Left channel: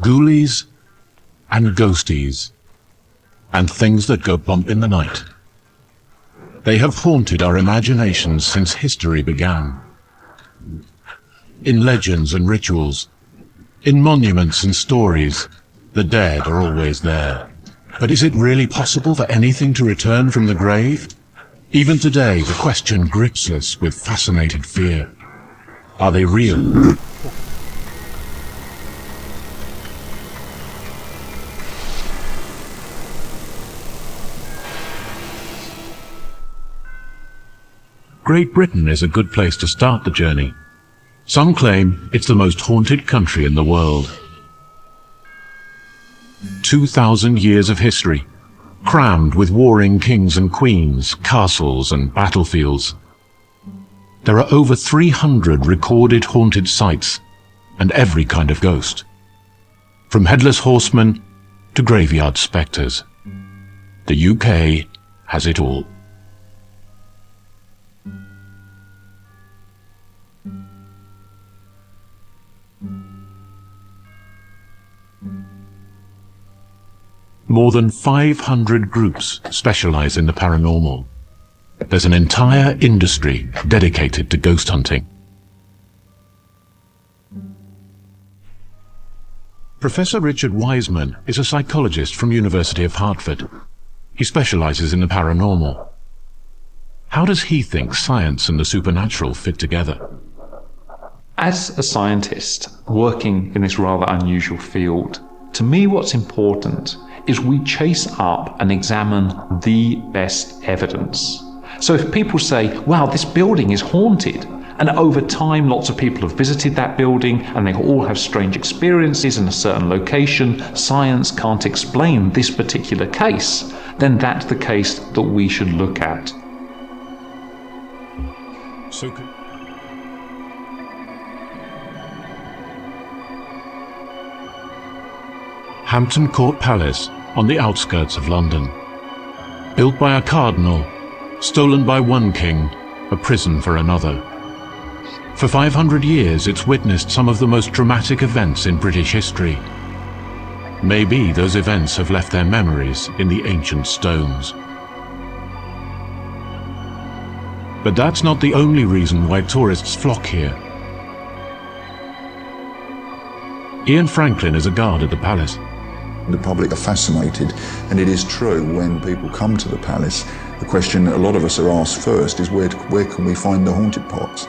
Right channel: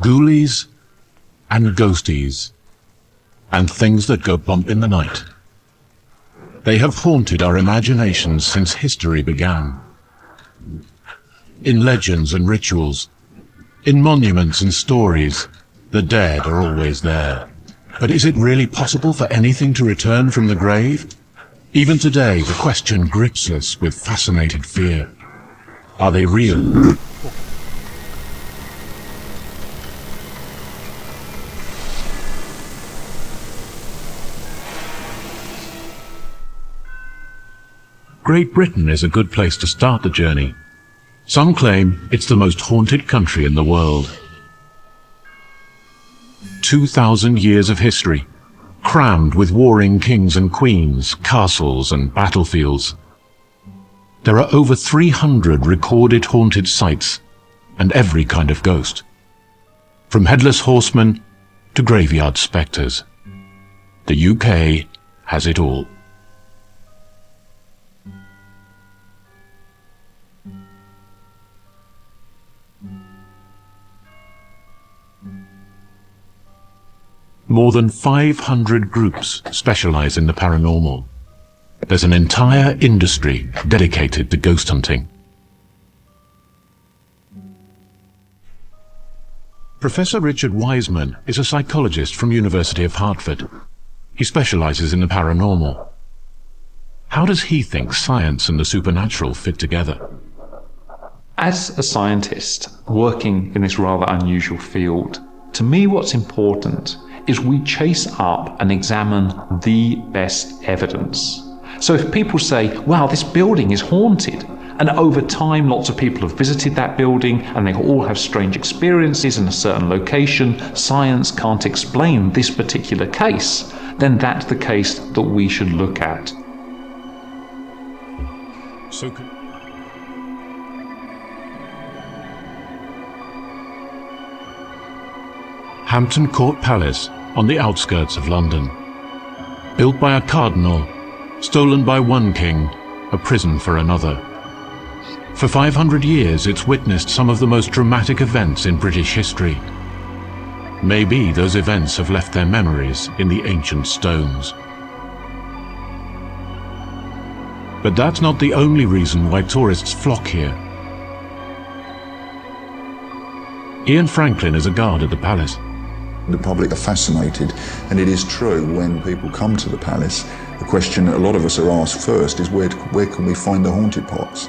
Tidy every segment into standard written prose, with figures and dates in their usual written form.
ghoulies and ghosties, and things that go bump in the night. They have haunted our imaginations since history began. In legends and rituals, in monuments and stories, the dead are always there. But is it really possible for anything to return from the grave? Even today, the question grips us with fascinated fear. Are they real? Great Britain is a good place to start the journey. Some claim it's the most haunted country in the world. 2,000 years of history, crammed with warring kings and queens, castles and battlefields. There are over 300 recorded haunted sites, and every kind of ghost. From headless horsemen to graveyard spectres. The UK has it all. More than 500 groups specialize in the paranormal. There's an entire industry dedicated to ghost hunting. Professor Richard Wiseman is a psychologist from University of Hartford. He specializes in the paranormal. How does he think science and the supernatural fit together? As a scientist working in this rather unusual field, to me what's important is we chase up and examine the best evidence. So if people say, wow, this building is haunted, and over time lots of people have visited that building and they all have strange experiences in a certain location, science can't explain this particular case, then that's the case that we should look at. Hampton Court Palace on the outskirts of London. Built by a cardinal, stolen by one king, a prison for another. For 500 years it's witnessed some of the most dramatic events in British history. Maybe those events have left their memories in the ancient stones. But that's not the only reason why tourists flock here. Ian Franklin is a guard at the palace. The public are fascinated, and it is true when people come to the palace, the question that a lot of us are asked first is where can we find the haunted parts?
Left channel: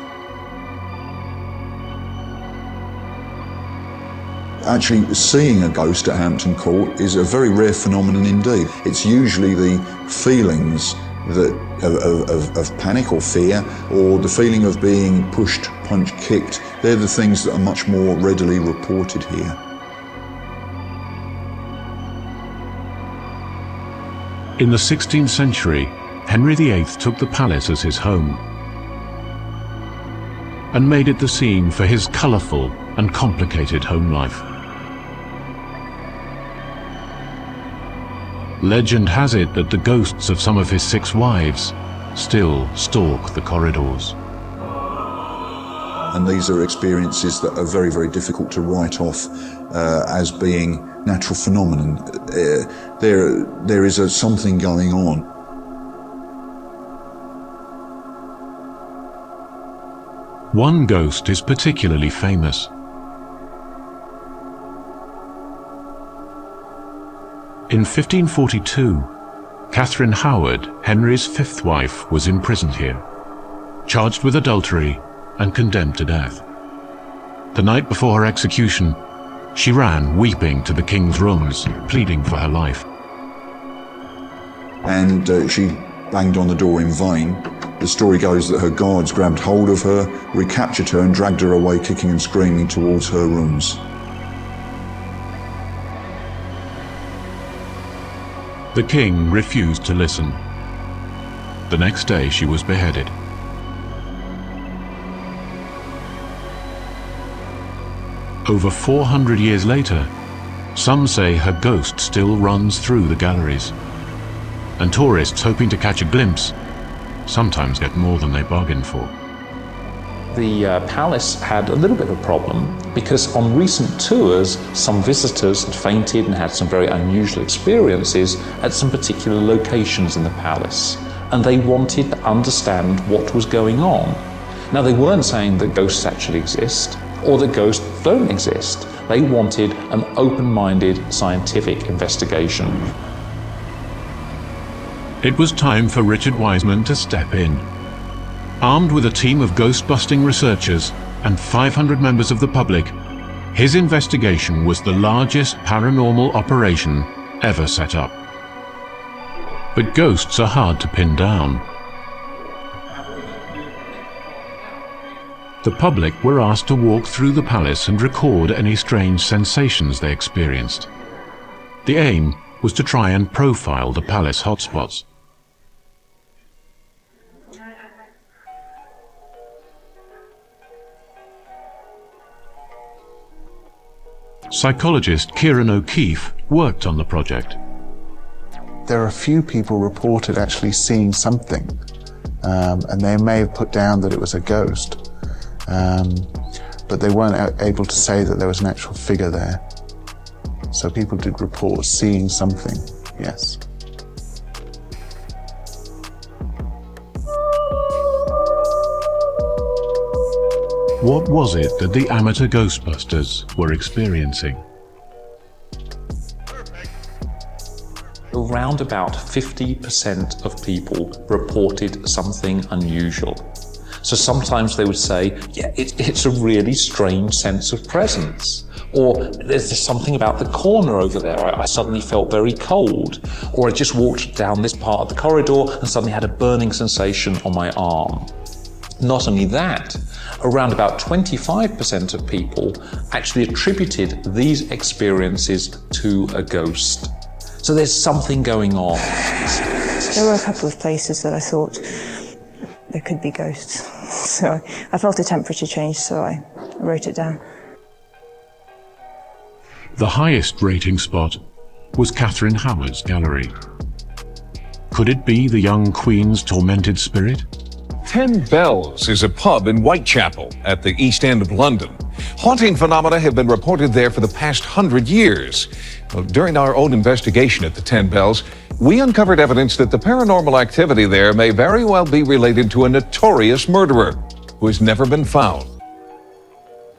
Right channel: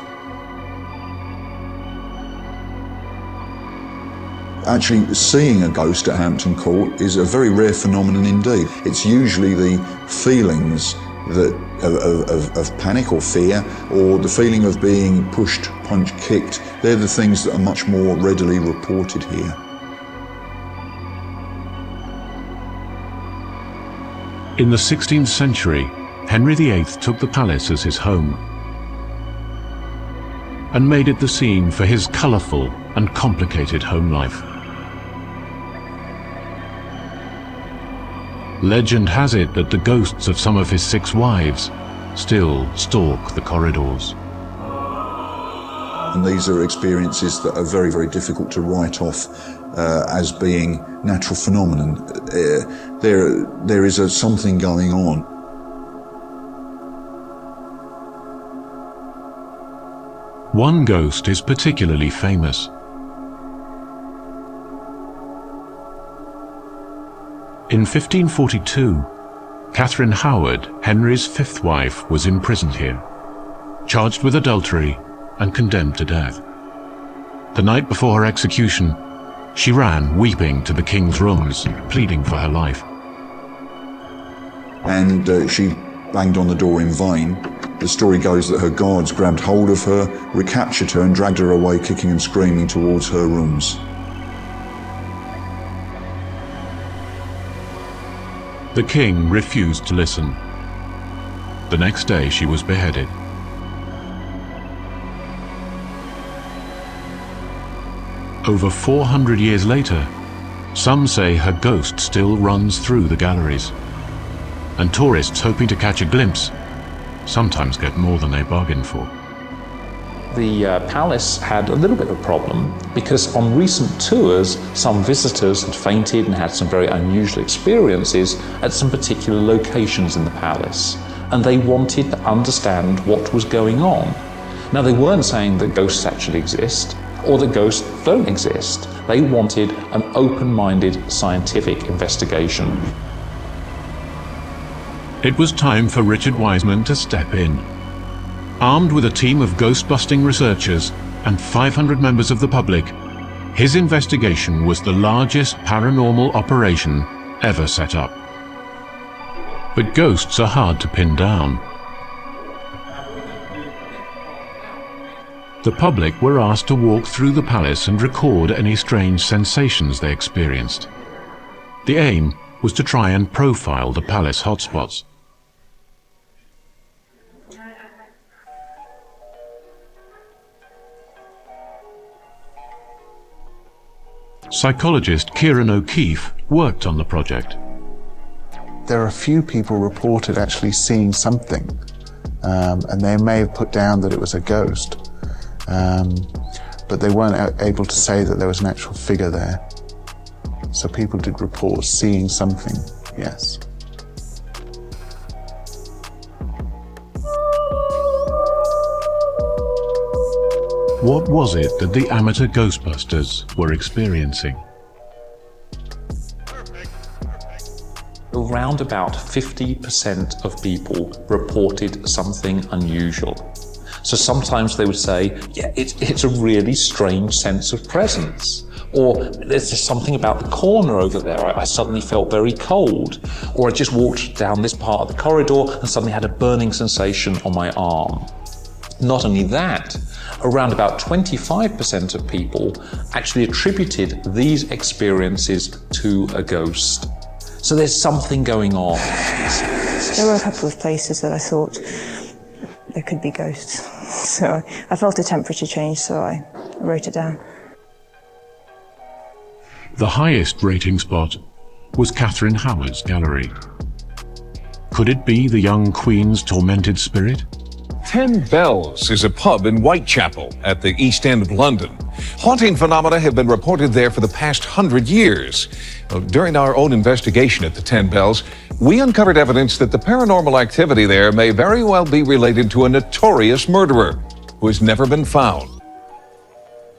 Actually, seeing a ghost at Hampton Court is a very rare phenomenon indeed. It's usually the feelings that of panic or fear, or the feeling of being pushed, punched, kicked. They're the things that are much more readily reported here. In the 16th century, Henry VIII took the palace as his home and made it the scene for his colourful and complicated home life. Legend has it that the ghosts of some of his 6 wives still stalk the corridors. And these are experiences that are very, very difficult to write off as being natural phenomenon. There is something going on. One ghost is particularly famous. In 1542, Catherine Howard, Henry's 5th wife, was imprisoned here, charged with adultery and condemned to death. The night before her execution, she ran weeping to the king's rooms, pleading for her life. And she banged on the door in vain. The story goes that her guards grabbed hold of her, recaptured her and dragged her away kicking and screaming towards her rooms. The king refused to listen. The next day she was beheaded. Over 400 years later, some say her ghost still runs through the galleries, and tourists hoping to catch a glimpse sometimes get more than they bargained for. The palace had a little bit of a problem because on recent tours, some visitors had fainted and had some very unusual experiences at some particular locations in the palace, and they wanted to understand what was going on. Now, they weren't saying that ghosts actually exist or that ghosts don't exist. They wanted an open-minded scientific investigation. It was time for Richard Wiseman to step in. Armed with a team of ghost-busting researchers and 500 members of the public, his investigation was the largest paranormal operation ever set up. But ghosts are hard to pin down. The public were asked to walk through the palace and record any strange sensations they experienced. The aim was to try and profile the palace hotspots. Psychologist Kieran O'Keefe worked on the project. There are a few people reported actually seeing something, and they may have put down that it was a ghost, but they weren't able to say that there was an actual figure there. So people did report seeing something, yes. What was it that the amateur Ghostbusters were experiencing? Around about 50% of people reported something unusual. So sometimes they would say, yeah, it's a really strange sense of presence. Or there's just something about the corner over there. I suddenly felt very cold. Or I just walked down this part of the corridor and suddenly had a burning sensation on my arm. Not only that, around about 25% of people actually attributed these experiences to a ghost. So there's something going on. There were a couple of places that I thought there could be ghosts. So I felt the temperature change, so I wrote it down. The highest rating spot was Catherine Howard's gallery. Could it be the young Queen's tormented spirit? 10 Bells is a pub in Whitechapel at the East End of London. Haunting phenomena have been reported there for the past 100 years. During our own investigation at the 10 Bells, we uncovered evidence that the paranormal activity there may very well be related to a notorious murderer who has never been found.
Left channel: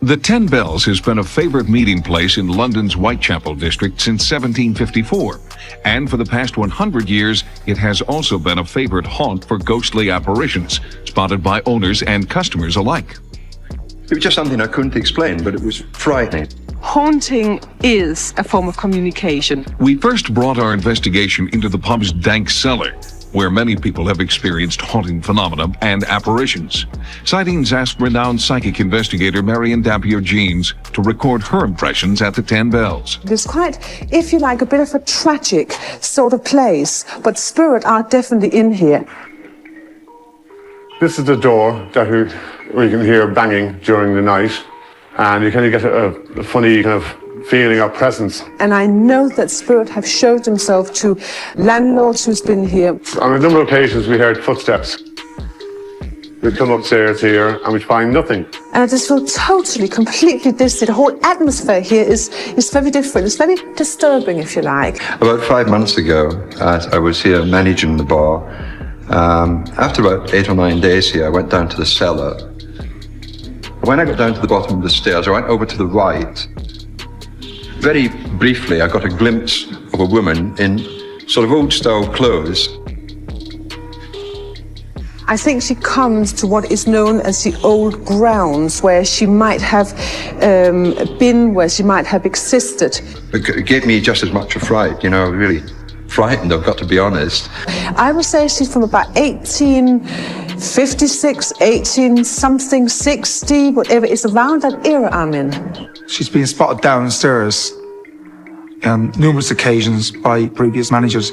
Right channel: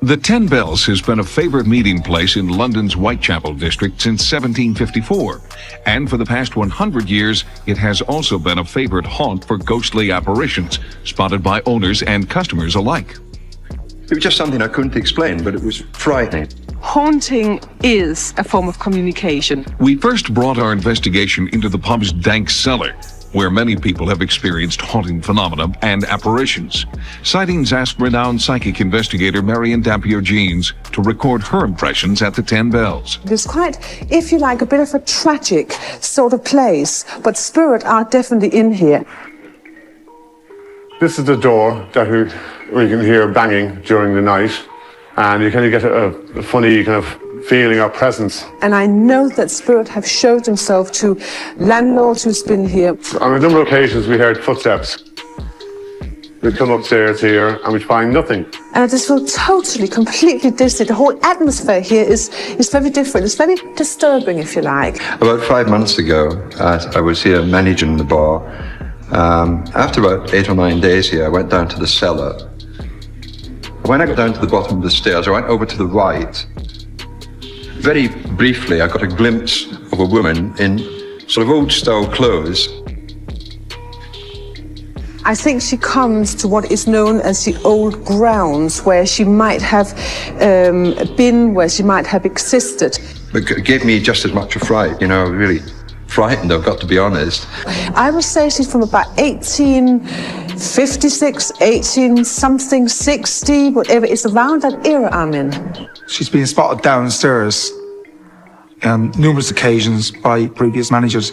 The 10 Bells has been a favorite meeting place in London's Whitechapel district since 1754, and for the past 100 years, it has also been a favorite haunt for ghostly apparitions, spotted by owners and customers alike. It was just something I couldn't explain, but it was frightening. Haunting is a form of communication. We first brought our investigation into the pub's dank cellar, where many people have experienced haunting phenomena and apparitions. Sightings asked renowned psychic investigator Marion Dampier-Jeans to record her impressions at the 10 Bells. It was quite, if you like, a bit of a tragic sort of place, but spirits are definitely in here. This is the door where you can hear banging during the night, and you kind of get a funny kind of feeling or presence. And I know that spirits have showed themselves to landlords who's been here. On a number of occasions we heard footsteps. We'd come upstairs here and we'd find nothing. And I just feel totally, completely distant. The whole atmosphere here is very different. It's very disturbing, if you like. About 5 months ago, I was here managing the bar. After about 8 or 9 days here, I went down to the cellar. When I got down to the bottom of the stairs, I went over to the right. Very briefly, I got a glimpse of a woman in sort of old-style clothes. I think she comes to what is known as the old grounds, where she might have been, where she might have existed. It gave me just as much a fright, really frightened, I've got to be honest. I would say she's from about 1856, 18-something, 60, whatever. It's around that era I'm in. She's been spotted downstairs on numerous occasions by previous managers.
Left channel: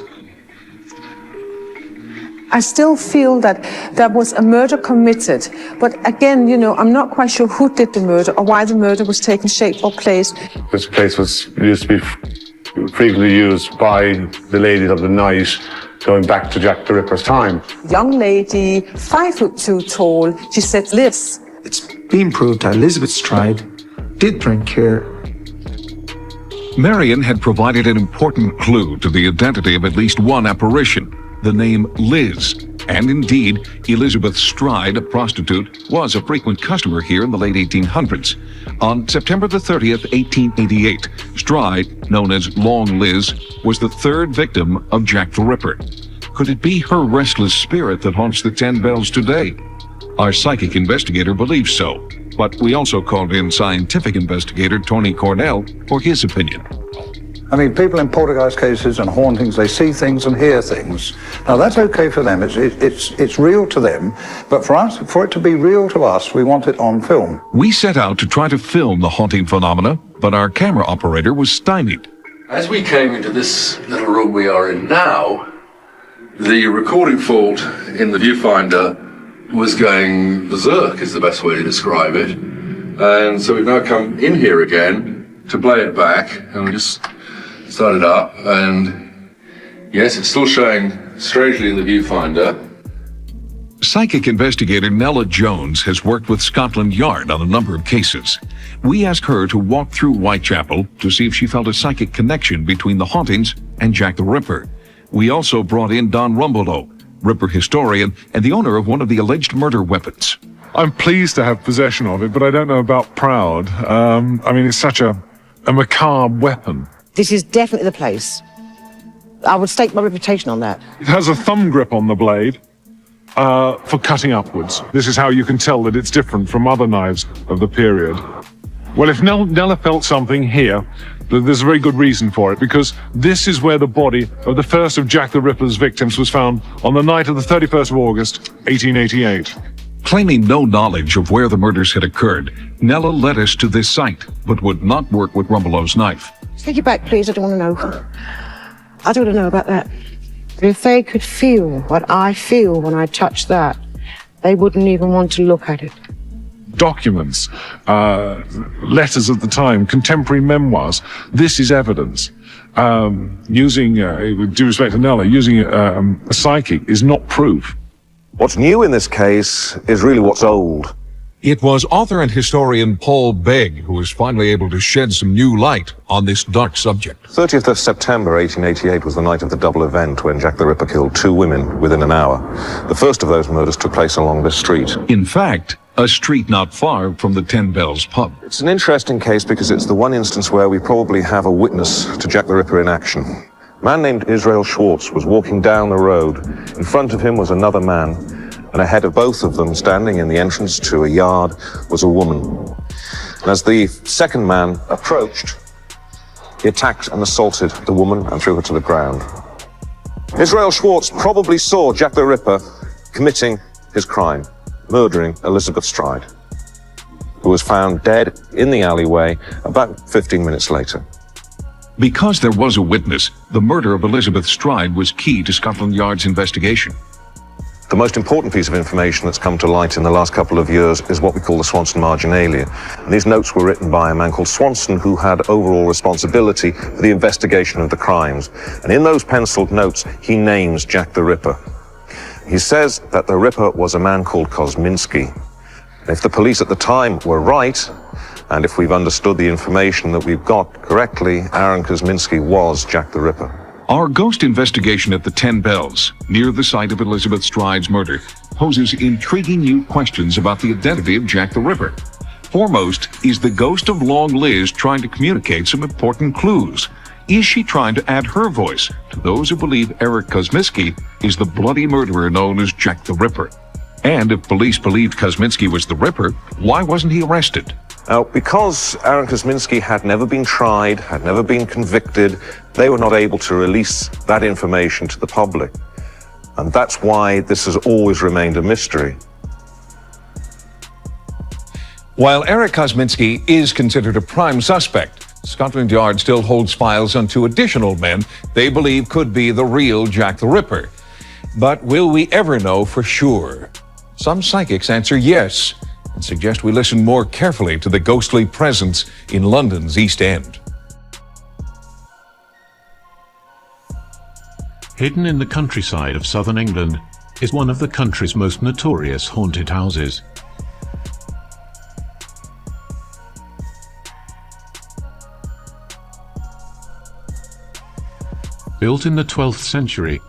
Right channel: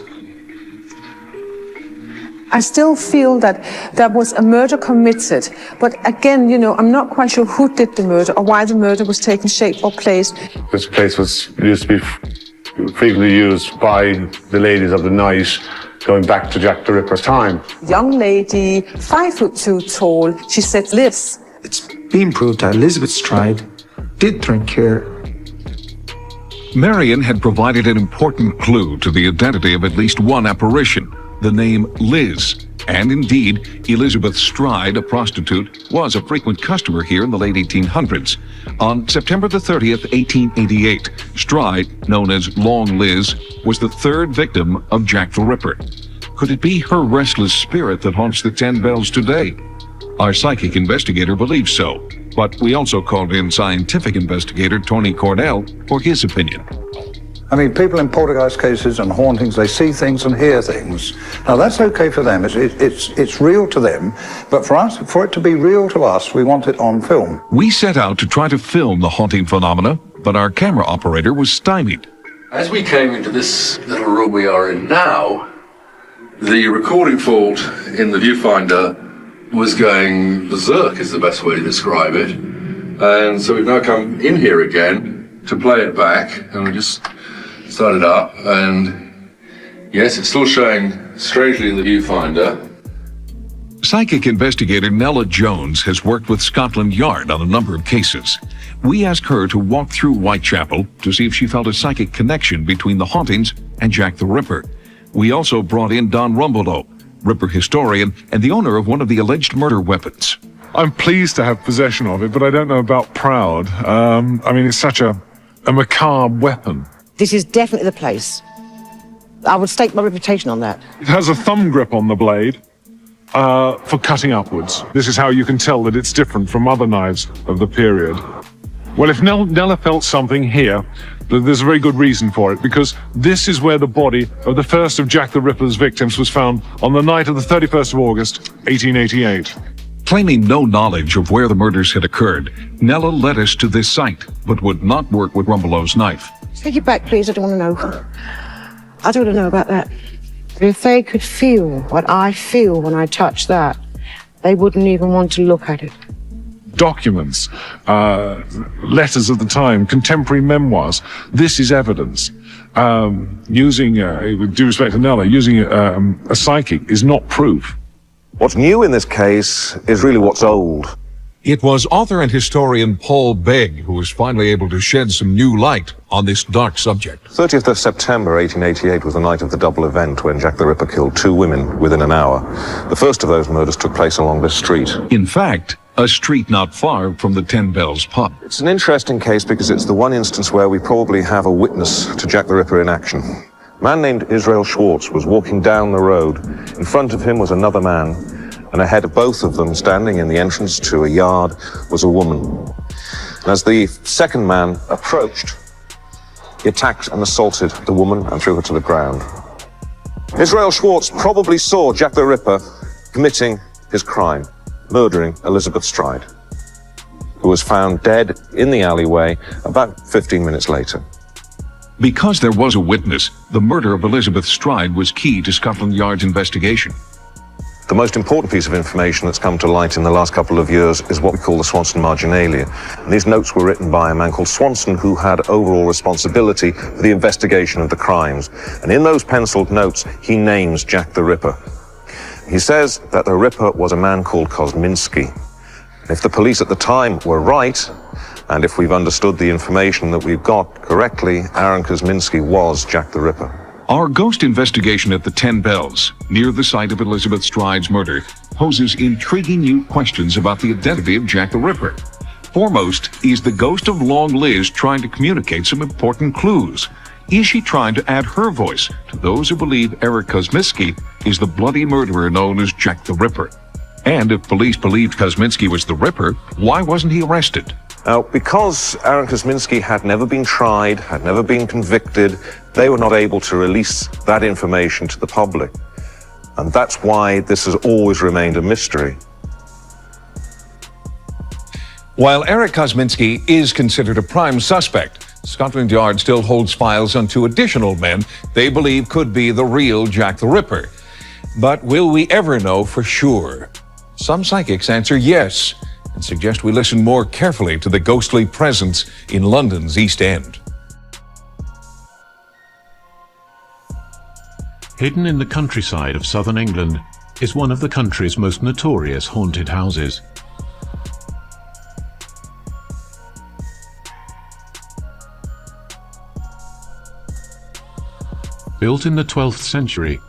I still feel that there was a murder committed, but again, I'm not quite sure who did the murder or why the murder was taking shape or place. This place used to be frequently used by the ladies of the night, going back to Jack the Ripper's time. Young lady, 5'2" tall, she said this. It's been proved that Elizabeth Stride did drink here. Marion had provided an important clue to the identity of at least one apparition, the name Liz. And indeed, Elizabeth Stride, a prostitute, was a frequent customer here in the late 1800s. On September the 30th, 1888, Stride, known as Long Liz, was the third victim of Jack the Ripper. Could it be her restless spirit that haunts the 10 Bells today? Our psychic investigator believes so, but we also called in scientific investigator Tony Cornell for his opinion. I mean, people in poltergeist cases and hauntings, they see things and hear things. Now, that's okay for them. It's real to them. But for us, for it to be real to us, we want it on film. We set out to try to film the haunting phenomena, but our camera operator was stymied. As we came into this little room we are in now, the recording fault in the viewfinder was going berserk, is the best way to describe it. And so we've now come in here again to play it back, and we just started up, and yes, it's still showing strangely in the viewfinder. Psychic investigator Nella Jones has worked with Scotland Yard on a number of cases. We asked her to walk through Whitechapel to see if she felt a psychic connection between the hauntings and Jack the Ripper. We also brought in Don Rumbelow, Ripper historian and the owner of one of the alleged murder weapons. I'm pleased to have possession of it, but I don't know about proud. I mean, it's such a macabre weapon. This is definitely the place. I would stake my reputation on that. It has a thumb grip on the blade for cutting upwards. This is how you can tell that it's different from other knives of the period. Well, if Nella felt something here, there's a very good reason for it, because this is where the body of the first of Jack the Ripper's victims was found on the night of the 31st of August, 1888. Claiming no knowledge of where the murders had occurred, Nella led us to this site, but would not work with Rumbelow's knife. Take it back, please. I don't want to know. I don't want to know about that. If they could feel what I feel when I touch that, they wouldn't even want to look at it. Documents, letters of the time, contemporary memoirs. This is evidence. Using, with due respect to Nella, using a psychic is not proof. What's new in this case is really what's old. It was author and historian Paul Begg who was finally able to shed some new light on this dark subject. 30th of September 1888 was the night of the double event when Jack the Ripper killed 2 women within an hour. The first of those murders took place along this street. In fact, a street not far from the 10 Bells pub. It's an interesting case because it's the one instance where we probably have a witness to Jack the Ripper in action. A man named Israel Schwartz was walking down the road. In front of him was another man, and ahead of both of them, standing in the entrance to a yard, was a woman. And as the second man approached, he attacked and assaulted the woman and threw her to the ground. Israel Schwartz probably saw Jack the Ripper committing his crime, murdering Elizabeth Stride, who was found dead in the alleyway about 15 minutes later. Because there was a witness, the murder of Elizabeth Stride was key to Scotland Yard's investigation. The most important piece of information that's come to light in the last couple of years is what we call the Swanson marginalia. And these notes were written by a man called Swanson, who had overall responsibility for the investigation of the crimes. And in those penciled notes, he names Jack the Ripper. He says that the Ripper was a man called Kosminski. If the police at the time were right, and if we've understood the information that we've got correctly, Aaron Kosminski was Jack the Ripper. Our ghost investigation at the 10 Bells, near the site of Elizabeth Stride's murder, poses intriguing new questions about the identity of Jack the Ripper. Foremost is the ghost of Long Liz trying to communicate some important clues. Is she trying to add her voice to those who believe Eric Kosminski is the bloody murderer known as Jack the Ripper? And if police believed Kosminski was the Ripper, why wasn't he arrested? Now, because Aaron Kosminski had never been tried, had never been convicted, they were not able to release that information to the public. And that's why this has always remained a mystery. While Eric Kosminski is considered a prime suspect, Scotland Yard still holds files on 2 additional men they believe could be the real Jack the Ripper. But will we ever know for sure? Some psychics answer yes, and suggest we listen more carefully to the ghostly presence in London's East End. Hidden in the countryside of southern England is one of the country's most notorious haunted houses. Built in the 12th century,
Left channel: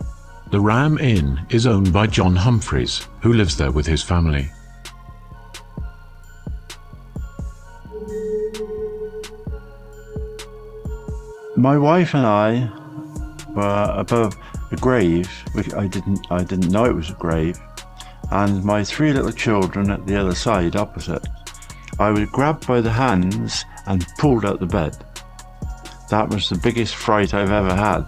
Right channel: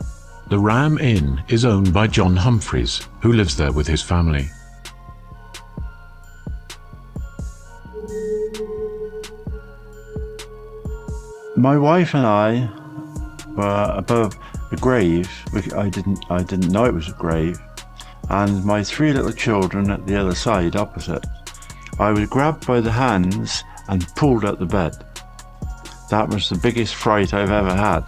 the Ram Inn is owned by John Humphreys, who lives there with his family. My wife and I were above the graves, which I didn't know it was a grave, and my 3 little children at the other side opposite. I was grabbed by the hands and pulled out the bed. That was the biggest fright I've ever had.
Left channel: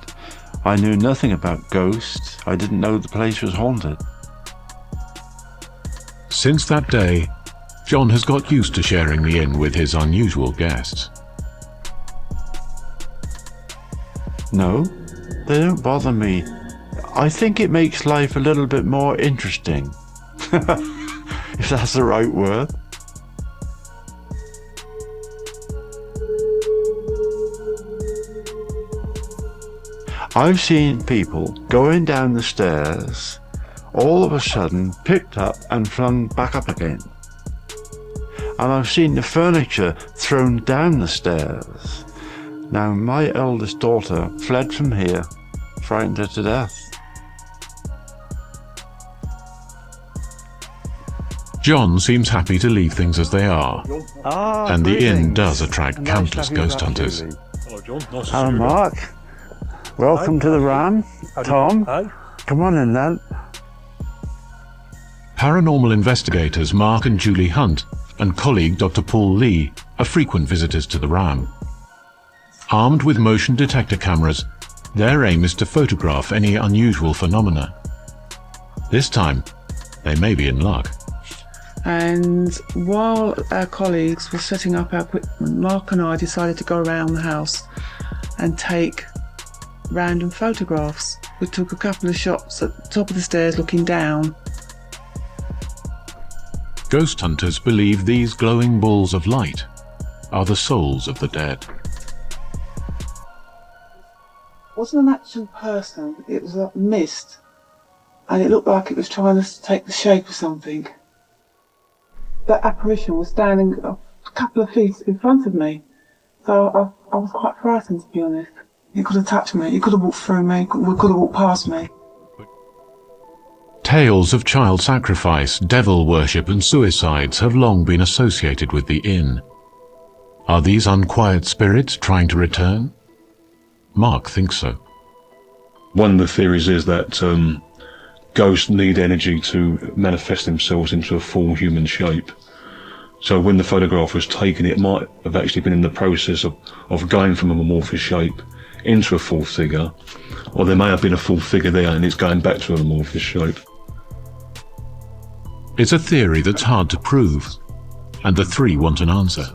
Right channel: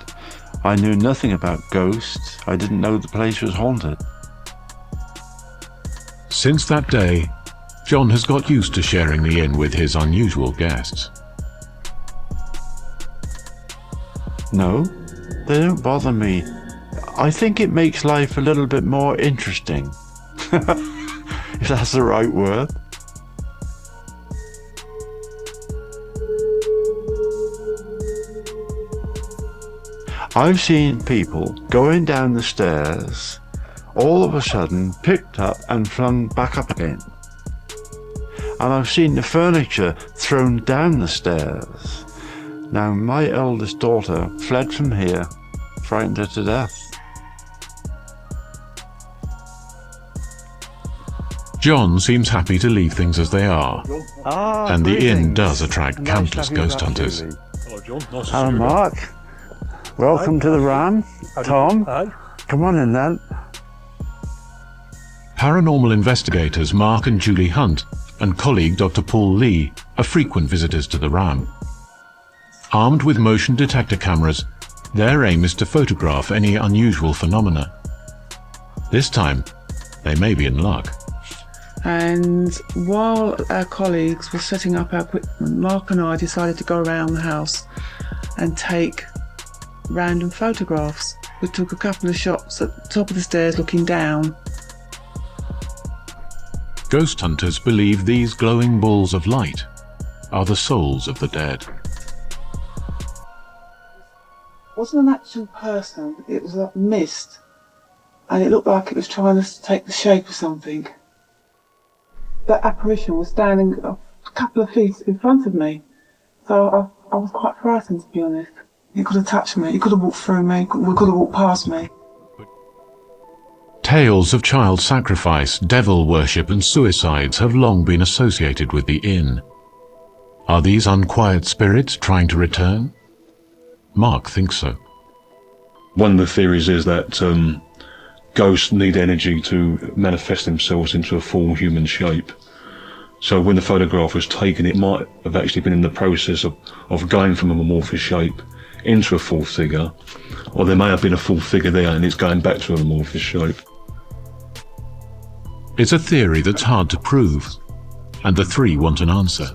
I knew nothing about ghosts. I didn't know the place was haunted. Since that day, John has got used to sharing the inn with his unusual guests. No, they don't bother me. I think it makes life a little bit more interesting. If that's the right word. I've seen people going down the stairs, all of a sudden picked up and flung back up again. And I've seen the furniture thrown down the stairs. Now, my eldest daughter fled from here, frightened her to death. John seems happy to leave things as they are, and the inn does attract countless ghost hunters. Hello, Mark. Welcome to the Ram. Tom, come on in then. Paranormal investigators Mark and Julie Hunt and colleague Dr. Paul Lee are frequent visitors to the Ram. Armed with motion detector cameras, their aim is to photograph any unusual phenomena. This time, they may be in luck. And while our colleagues were setting up our equipment, Mark and I decided to go around the house and take random photographs. We took a couple of shots at the top of the stairs looking down. Ghost hunters believe these glowing balls of light are the souls of the dead. It wasn't an actual person, it was a mist. And it looked like it was trying to take the shape of something. That apparition was standing a couple of feet in front of me. So I was quite frightened, to be honest. It could have touched me, it could have walked through me, it could have walked past me. Tales of child sacrifice, devil worship and suicides have long been associated with the inn. Are these unquiet spirits trying to return? Mark thinks so. One of the theories is that ghosts need energy to manifest themselves into a full human shape. So when the photograph was taken, it might have actually been in the process of going from an amorphous shape into a full figure, or there may have been a full figure there and it's going back to an amorphous shape. It's a theory that's hard to prove, and the three want an answer.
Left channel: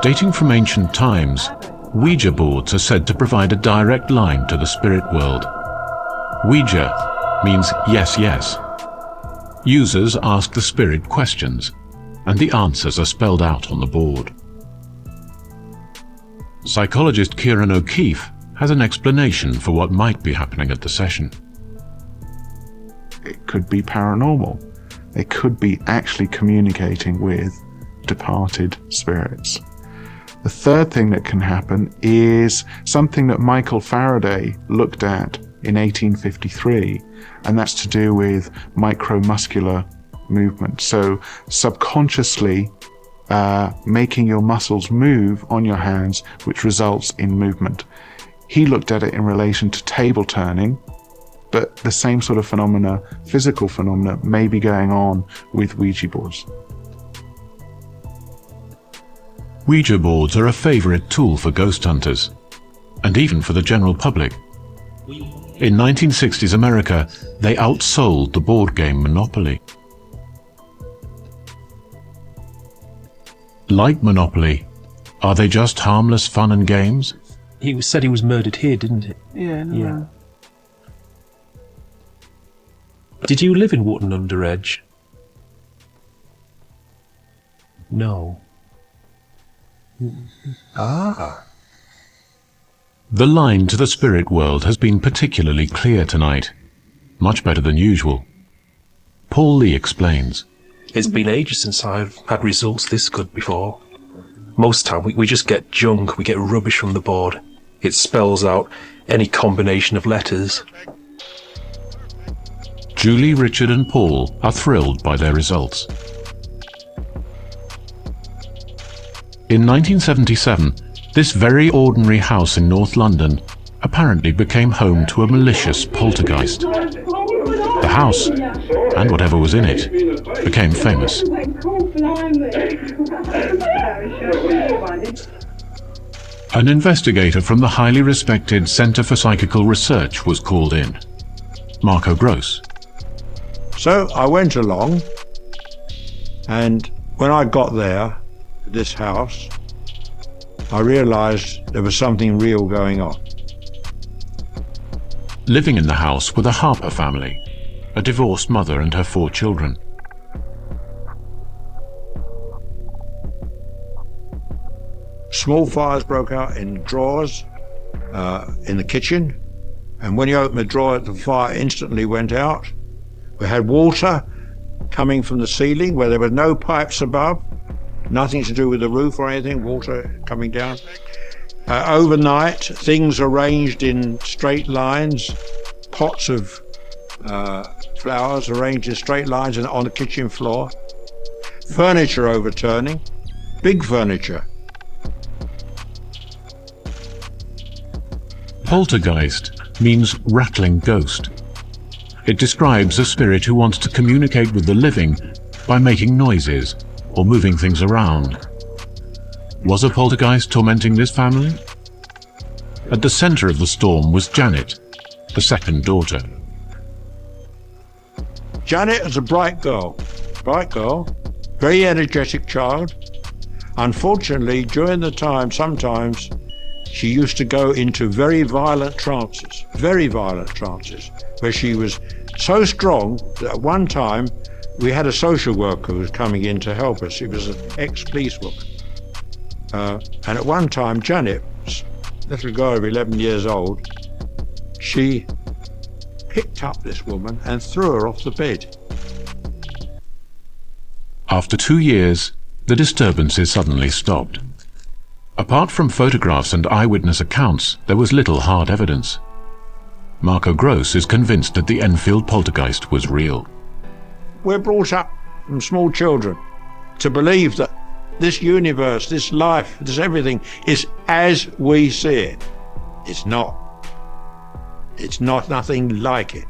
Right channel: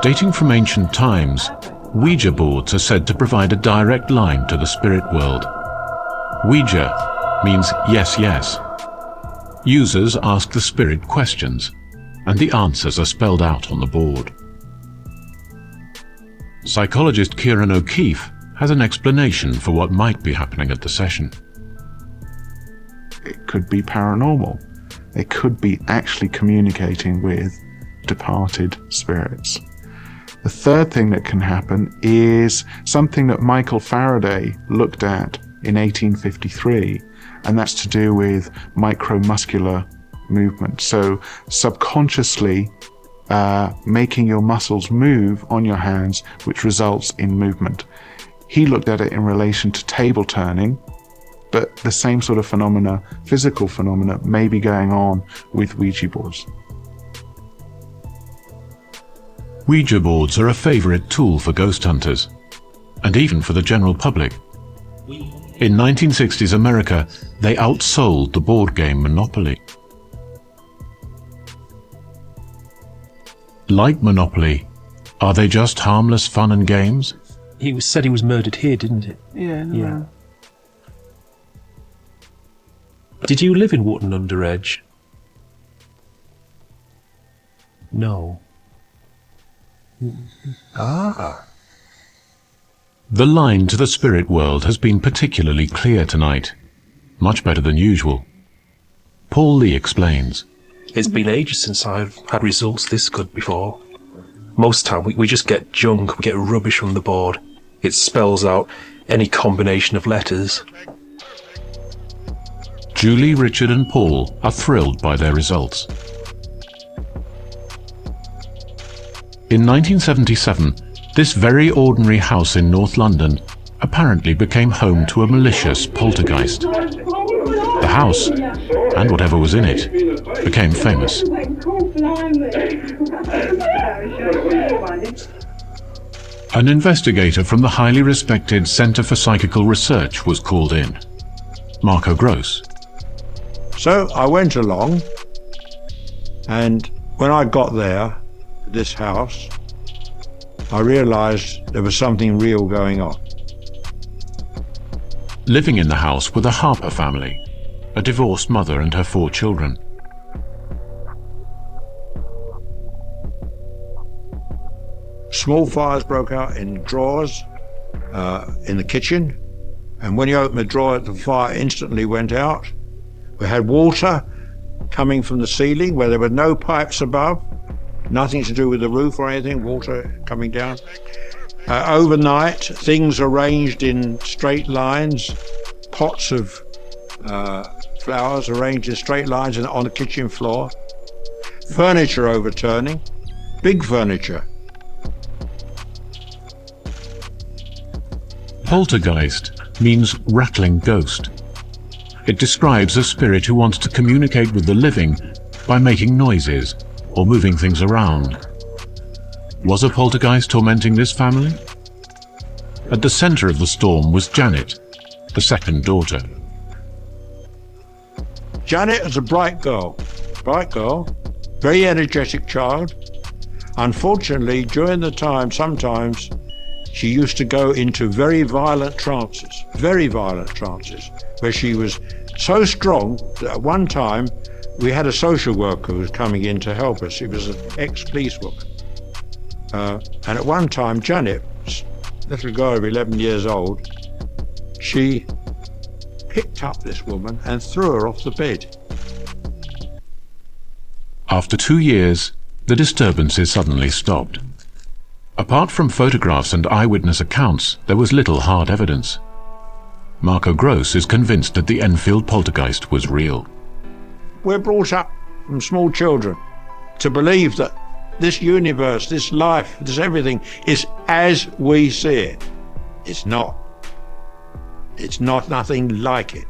Dating from ancient times, Ouija boards are said to provide a direct line to the spirit world. Ouija means yes, yes. Users ask the spirit questions, and the answers are spelled out on the board. Psychologist Kieran O'Keefe has an explanation for what might be happening at the session. It could be paranormal. They could be actually communicating with departed spirits. The third thing that can happen is something that Michael Faraday looked at in 1853, and that's to do with micromuscular movement. So subconsciously making your muscles move on your hands, which results in movement. He looked at it in relation to table turning, but the same sort of phenomena, physical phenomena, may be going on with Ouija boards. Ouija boards are a favourite tool for ghost hunters, and even for the general public. In 1960s America, they outsold the board game Monopoly. Like Monopoly, are they just harmless fun and games? It was said he was murdered here, didn't it? Yeah. Did you live in Wotton Under Edge? No. Ah. The line to the spirit world has been particularly clear tonight. Much better than usual. Paul Lee explains. It's been ages since I've had results this good before. Most time we just get junk, we get rubbish from the board. It spells out any combination of letters. Julie, Richard and Paul are thrilled by their results. In 1977, this very ordinary house in North London apparently became home to a malicious poltergeist. The house, and whatever was in it, became famous. An investigator from the highly respected Centre for Psychical Research was called in. Marco Gross. So I went along, and when I got there, this house, I realised there was something real going on. Living in the house were the Harper family, a divorced mother and her 4 children. Small fires broke out in drawers in the kitchen, and when you opened the drawer, the fire instantly went out. We had water coming from the ceiling where there were no pipes above, nothing to do with the roof or anything, water coming down. Overnight, things arranged in straight lines, pots of flowers arranged in straight lines on the kitchen floor, furniture overturning, big furniture. Poltergeist means rattling ghost. It describes a spirit who wants to communicate with the living by making noises or moving things around. Was a poltergeist tormenting this family? At the centre of the storm was Janet, the second daughter. Janet is a bright girl, very energetic child. Unfortunately, during the time, sometimes she used to go into very violent trances, where she was so strong that at one time we had a social worker who was coming in to help us. She was an ex-policewoman. And at one time, Janet, little girl of 11 years old, she picked up this woman and threw her off the bed. After 2 years, the disturbances suddenly stopped. Apart from photographs and eyewitness accounts, there was little hard evidence. Marco Gross is convinced that the Enfield poltergeist was real. We're brought up from small children to believe that this universe, this life, this everything is as we see it. It's not. It's not nothing like it.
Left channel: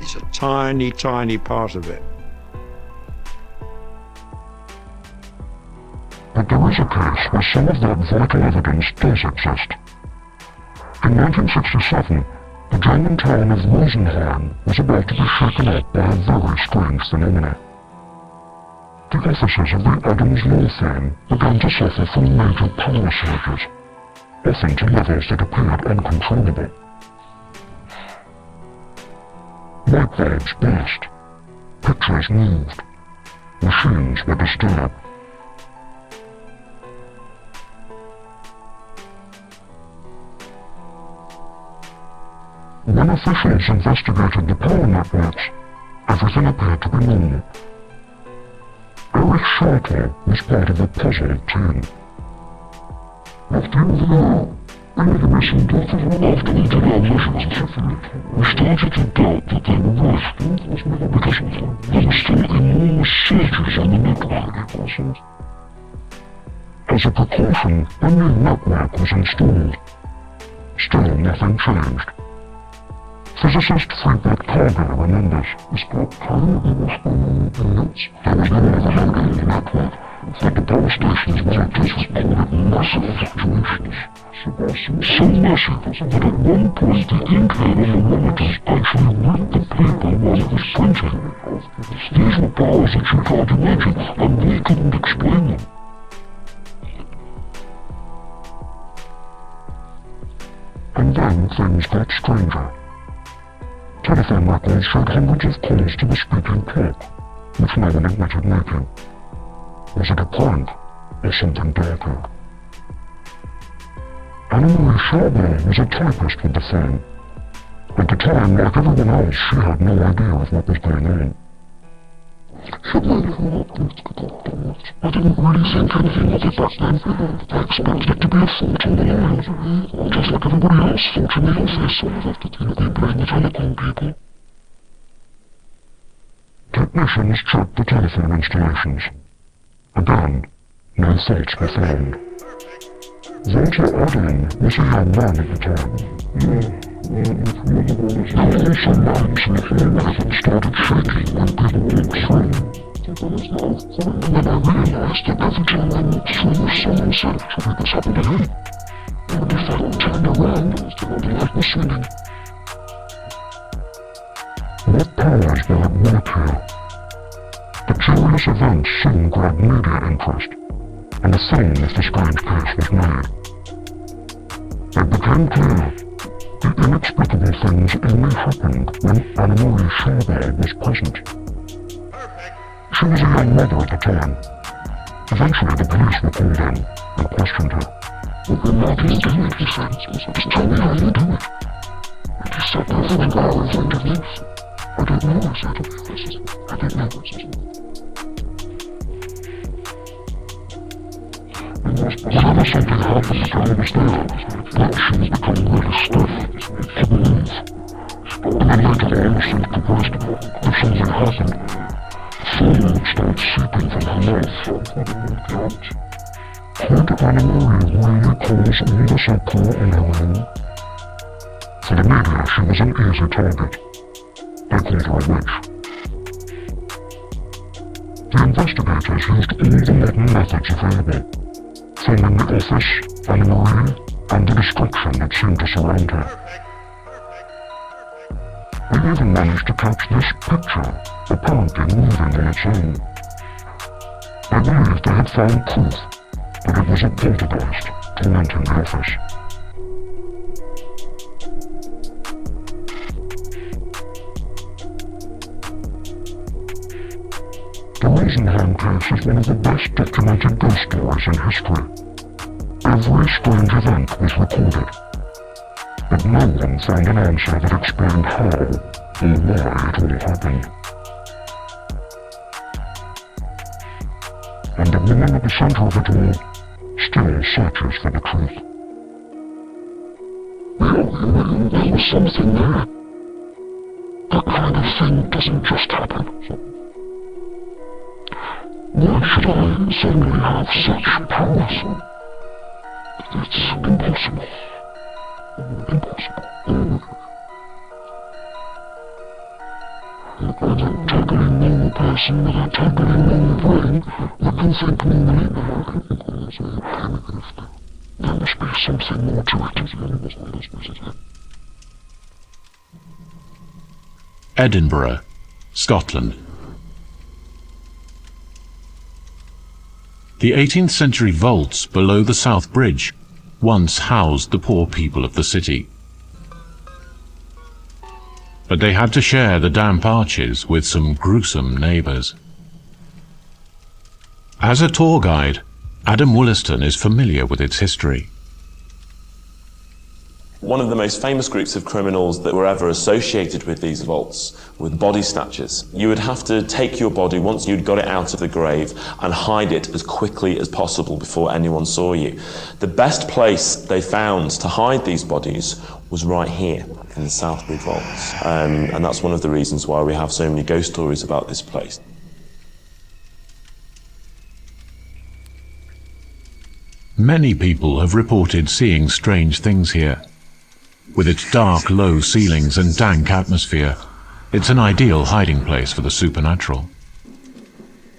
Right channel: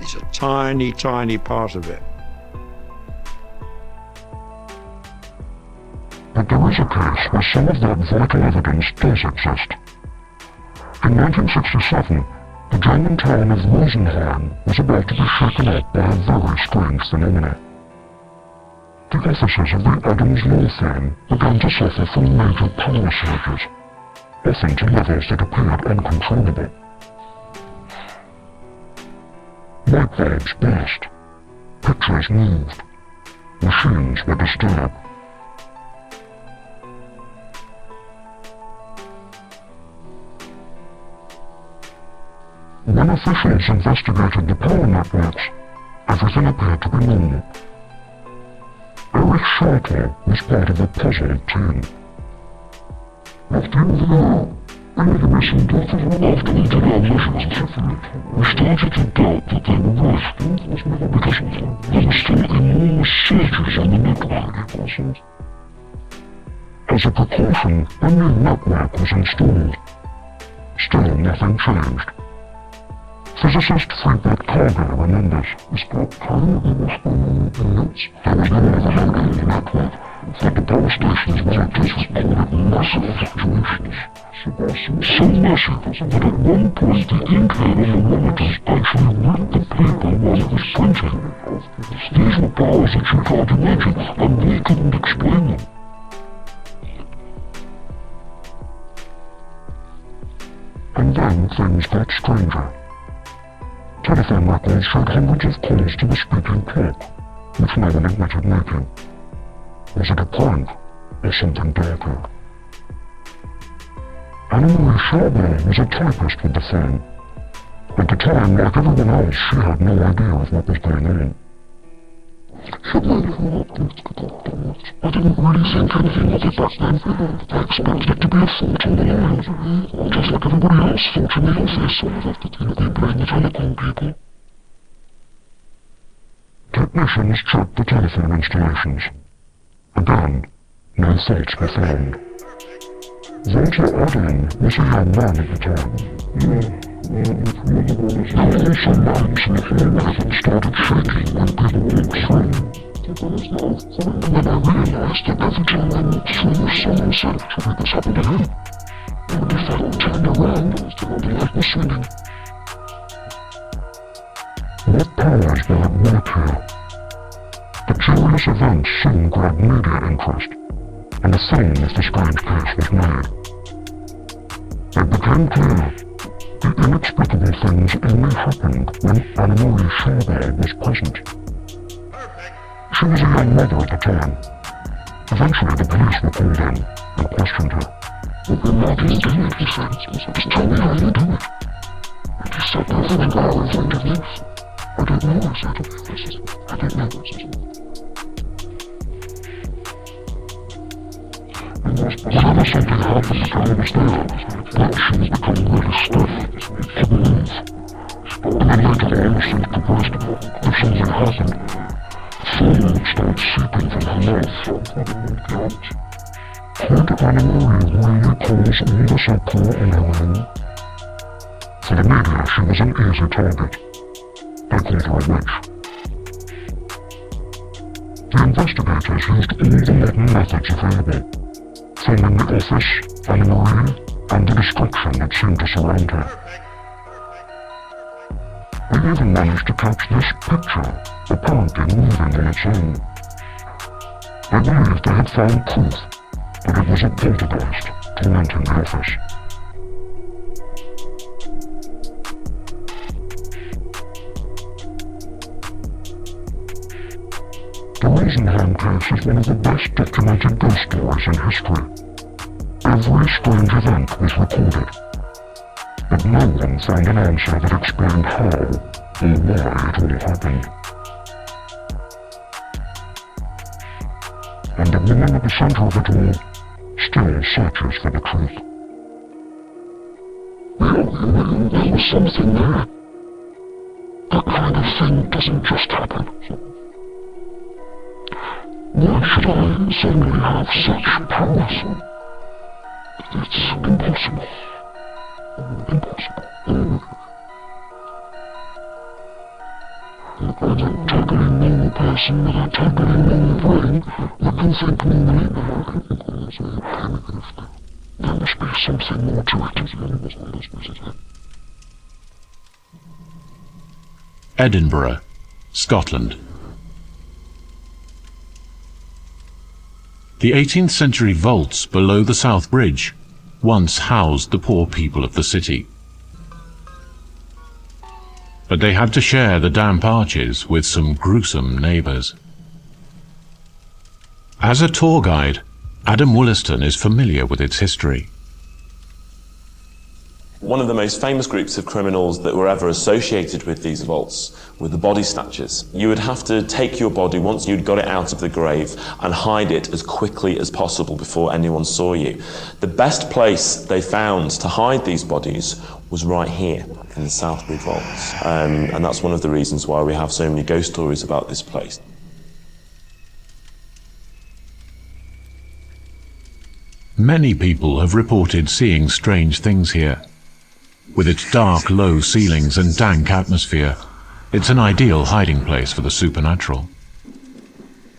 It's a tiny, tiny part of it. But there is a case where some of that vital evidence does exist. In 1967, the German town of Rosenheim was about to be shaken up by a very strange phenomenon. The officers of the Adams law firm began to suffer from major power surges, often to levels that appeared uncontrollable. Light bulbs burst, pictures moved, machines were disturbed. When officials investigated the power networks, everything appeared to be normal. Erich Schalter was part of a puzzled team. After the missing deaths after we did our measurements, we started to doubt that they were right, because there were still enormous surges on the network. As a precaution, a new network was installed. Still nothing changed. Physicist Friedrich Cargill remembers. There was no overload on the network, but the power station's monitors recorded massive fluctuations. So massive that at one point the inkhead on the monitors actually ripped the paper while it was printing. These were powers that you can't imagine, and we couldn't explain them. And then things got stranger. Telephone records showed hundreds of calls to the speaking clock, which no one admitted making. Was it a prank, or something darker? Anna-Marie Schaubel was a typist with the firm. At the time, like everyone else, she had no idea of what was going on. I didn't really think anything of it back then. I expected it to be a fault on the line, just like everybody else thought in the office. They blame the telecom people. Technicians checked the telephone installations. Again, no faults were found. Walter Odin was a young man at the time. There were also lines in the hallway that started shaking when people walked through. Then I realized that every time I walked through, someone said, "I think this happened to him." And if I turned around, the light was swinging. What powers were at work here? The curious event soon grabbed media interest, and a film of the strange case was made. It became clear the inexplicable things only happened when Anna-Marie Scharber was present. She was a young mother at the time. Eventually the police were called in and questioned her. "Well, then how do you do it?" he said. "Just tell me how you do it." And he sat there for an hour in front of me. "I don't know," I said. "I don't know." Whenever something happened while I was there, that she would become really stiff, couldn't move. And then later on, seemed convinced if something happened, foam would start seeping from her mouth. Poor Anna-Marie really caused all this uproar on her own. For the media, she was an easy target. They called her a witch. The investigators used all the modern methods available. Filming the office, Anna-Marie, and the destruction that seemed to surround her. They even managed to catch this picture, apparently moving on its own. They believed they had found proof that it was a poltergeist tormenting the office. The Rosenheim case is one of the best documented ghost stories in history. Every strange event was recorded, but no one found an answer that explained how or why it all happened. And the woman at the center of it all still searches for the truth. There was something there. That kind of thing doesn't just happen. Why should I suddenly have such powers? It's impossible. Impossible. A totally normal person with a totally normal brain that can think normally. There must be something more to it. Edinburgh, Scotland. The 18th century vaults below the South Bridge once housed the poor people of the city. But they had to share the damp arches with some gruesome neighbours. As a tour guide, Adam Wollaston is familiar with its history. One of the most famous groups of criminals that were ever associated with these vaults were the body snatchers. You would have to take your body once you'd got it out of the grave and hide it as quickly as possible before anyone saw you. The best place they found to hide these bodies was right here in the Southbridge vaults. And that's one of the reasons why we have so many ghost stories about this place. Many people have reported seeing strange things here. With its dark, low ceilings and dank atmosphere, it's an ideal hiding place for the supernatural.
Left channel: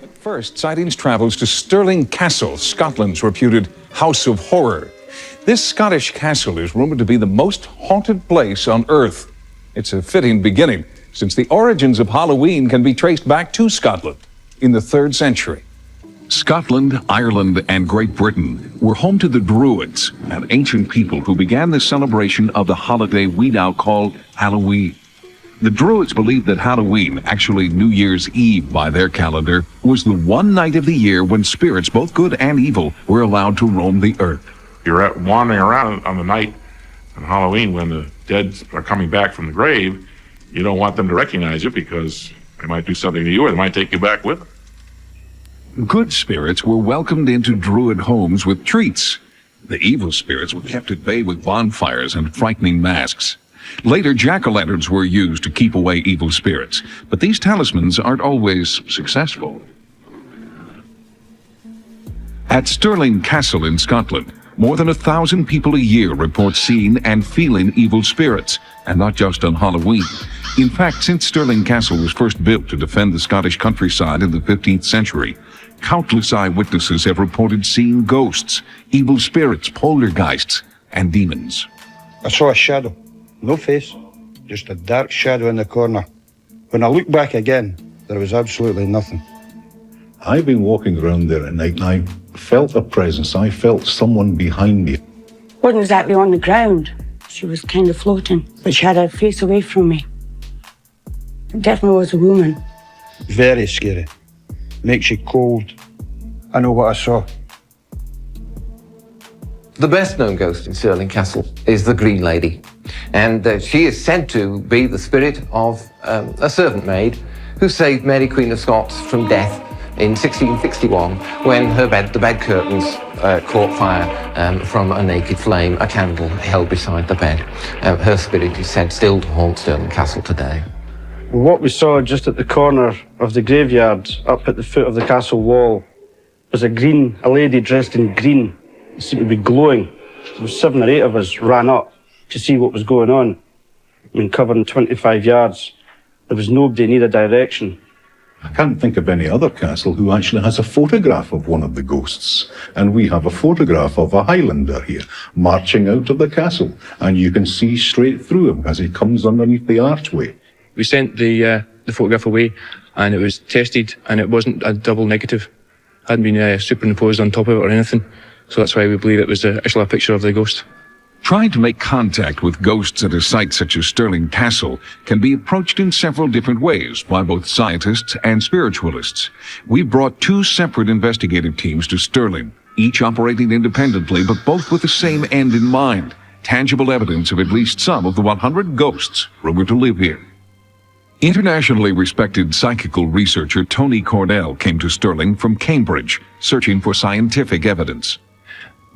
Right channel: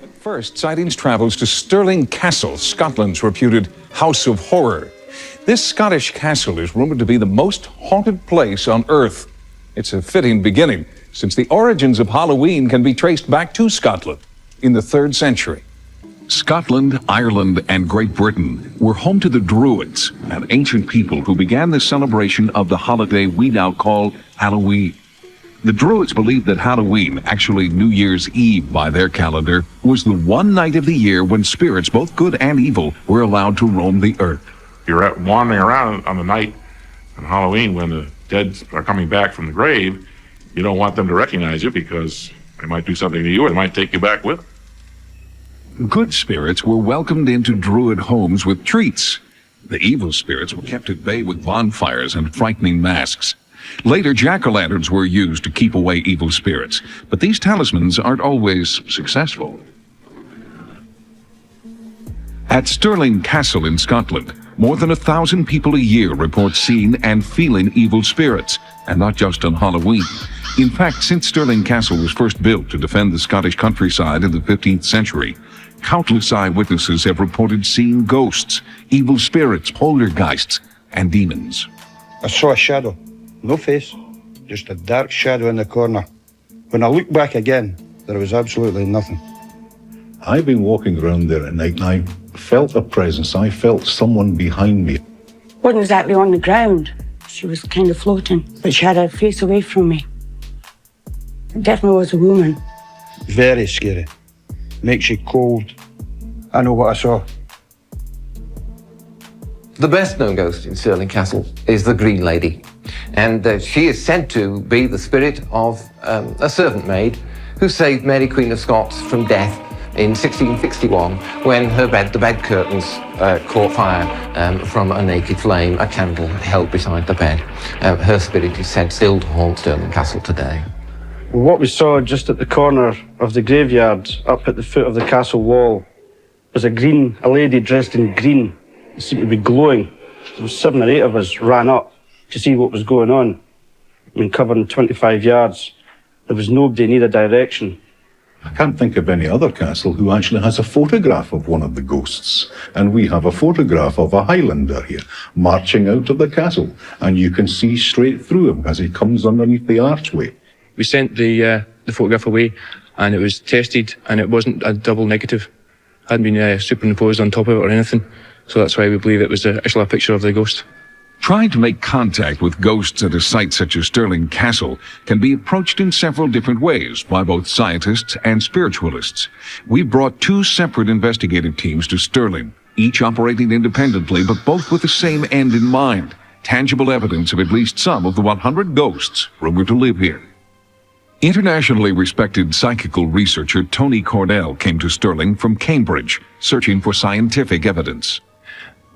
At first, sightings travels to Stirling Castle, Scotland's reputed House of Horror. This Scottish castle is rumored to be the most haunted place on Earth. It's a fitting beginning, since the origins of Halloween can be traced back to Scotland in the 3rd century. Scotland, Ireland, and Great Britain were home to the Druids, an ancient people who began the celebration of the holiday we now call Halloween. The Druids believed that Halloween, actually New Year's Eve by their calendar, was the one night of the year when spirits, both good and evil, were allowed to roam the earth. You're out wandering around on the night on Halloween when the dead are coming back from the grave. You don't want them to recognize you because they might do something to you or they might take you back with them. Good spirits were welcomed into Druid homes with treats. The evil spirits were kept at bay with bonfires and frightening masks. Later, jack-o'-lanterns were used to keep away evil spirits, but these talismans aren't always successful. At Stirling Castle in Scotland, more than 1,000 people a year report seeing and feeling evil spirits, and not just on Halloween. In fact, since Stirling Castle was first built to defend the Scottish countryside in the 15th century, countless eyewitnesses have reported seeing ghosts, evil spirits, poltergeists, and demons. I saw a shadow. No face, just a dark shadow in the corner. When I looked back again, there was absolutely nothing. I've been walking around there at night and I felt a presence. I felt someone behind me. Wasn't exactly on the ground. She was kind of floating, but she had her face away from me. It definitely was a woman. Very scary. Makes you cold. I know what I saw. The best known ghost in Stirling Castle is the Green Lady, and she is said to be the spirit of a servant maid who saved Mary Queen of Scots from death in 1661 when the bed curtains caught fire from a naked flame, a candle held beside the bed. Her spirit is said still to haunt Stirling Castle today. What we saw just at the corner of the graveyard, up at the foot of the castle wall, was a lady dressed in green. It seemed to be glowing. 7 or 8 of us ran up to see what was going on. I mean, covering 25 yards. There was nobody in either direction. I can't think of any other castle who actually has a photograph of one of the ghosts. And we have a photograph of a Highlander here, marching out of the castle. And you can see straight through him as he comes underneath the archway. We sent the photograph away, and it was tested, and it wasn't a double negative. It hadn't been superimposed on top of it or anything. So that's why we believe it was actually a picture of the ghost. Trying to make contact with ghosts at a site such as Stirling Castle can be approached in several different ways by both scientists and spiritualists. We brought 2 separate investigative teams to Stirling, each operating independently but both with the same end in mind: tangible evidence of at least some of the 100 ghosts rumored to live here. Internationally respected psychical researcher Tony Cornell came to Stirling from Cambridge, searching for scientific evidence.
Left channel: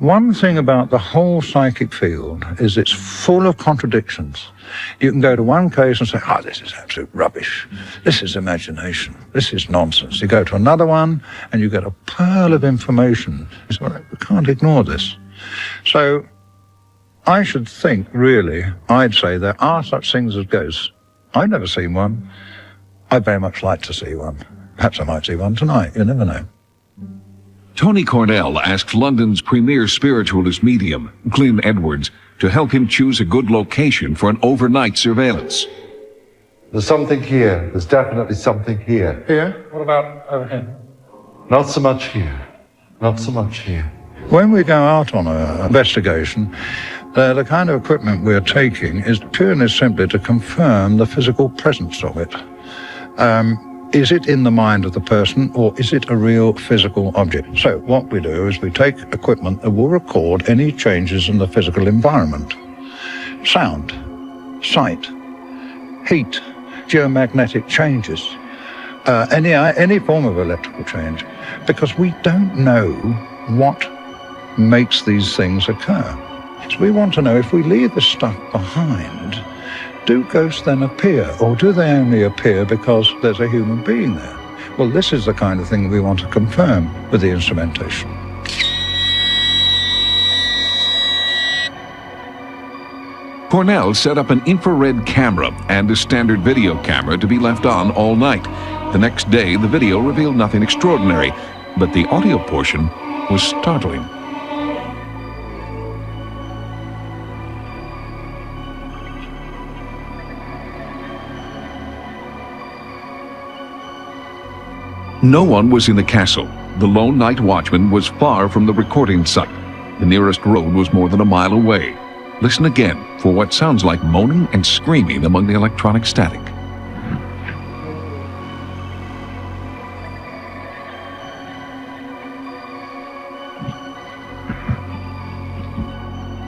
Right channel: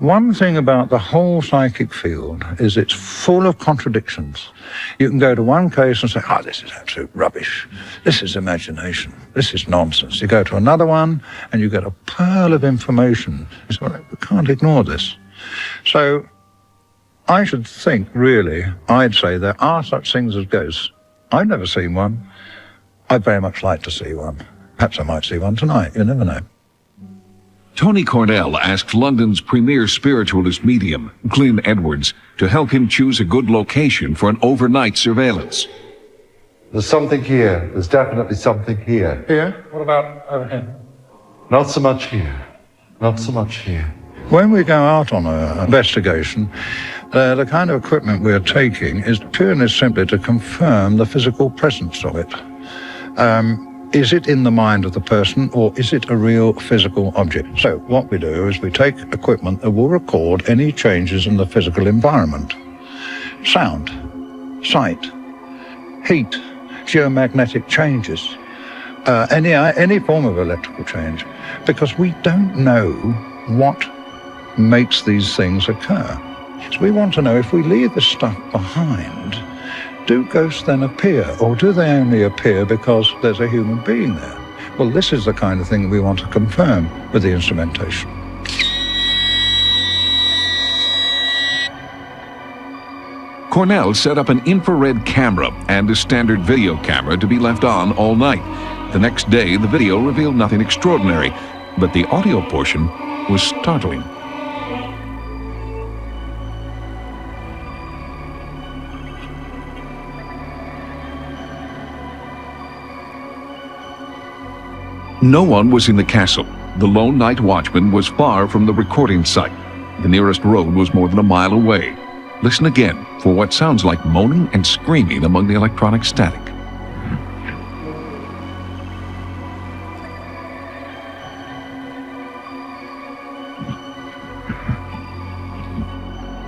One thing about the whole psychic field is it's full of contradictions. You can go to one place and say, this is absolute rubbish. This is imagination. This is nonsense. You go to another one and you get a pearl of information. So I can't ignore this. So I should think, really, I'd say there are such things as ghosts. I've never seen one. I'd very much like to see one. Perhaps I might see one tonight. You never know. Tony Cornell asked London's premier spiritualist medium, Glyn Edwards, to help him choose a good location for an overnight surveillance. There's something here. There's definitely something here. Here? What about everything? Not so much here. Not so much here. When we go out on an investigation, the kind of equipment we're taking is purely simply to confirm the physical presence of it. Is it in the mind of the person, or is it a real physical object? So what we do is we take equipment that will record any changes in the physical environment. Sound, sight, heat, geomagnetic changes, any form of electrical change, because we don't know what makes these things occur. So we want to know, if we leave this stuff behind, do ghosts then appear, or do they only appear because there's a human being there? Well, this is the kind of thing we want to confirm with the instrumentation. Cornell set up an infrared camera and a standard video camera to be left on all night. The next day, the video revealed nothing extraordinary, but the audio portion was startling. No one was in the castle. The lone night watchman was far from the recording site. The nearest road was more than a mile away. Listen again for what sounds like moaning and screaming among the electronic static.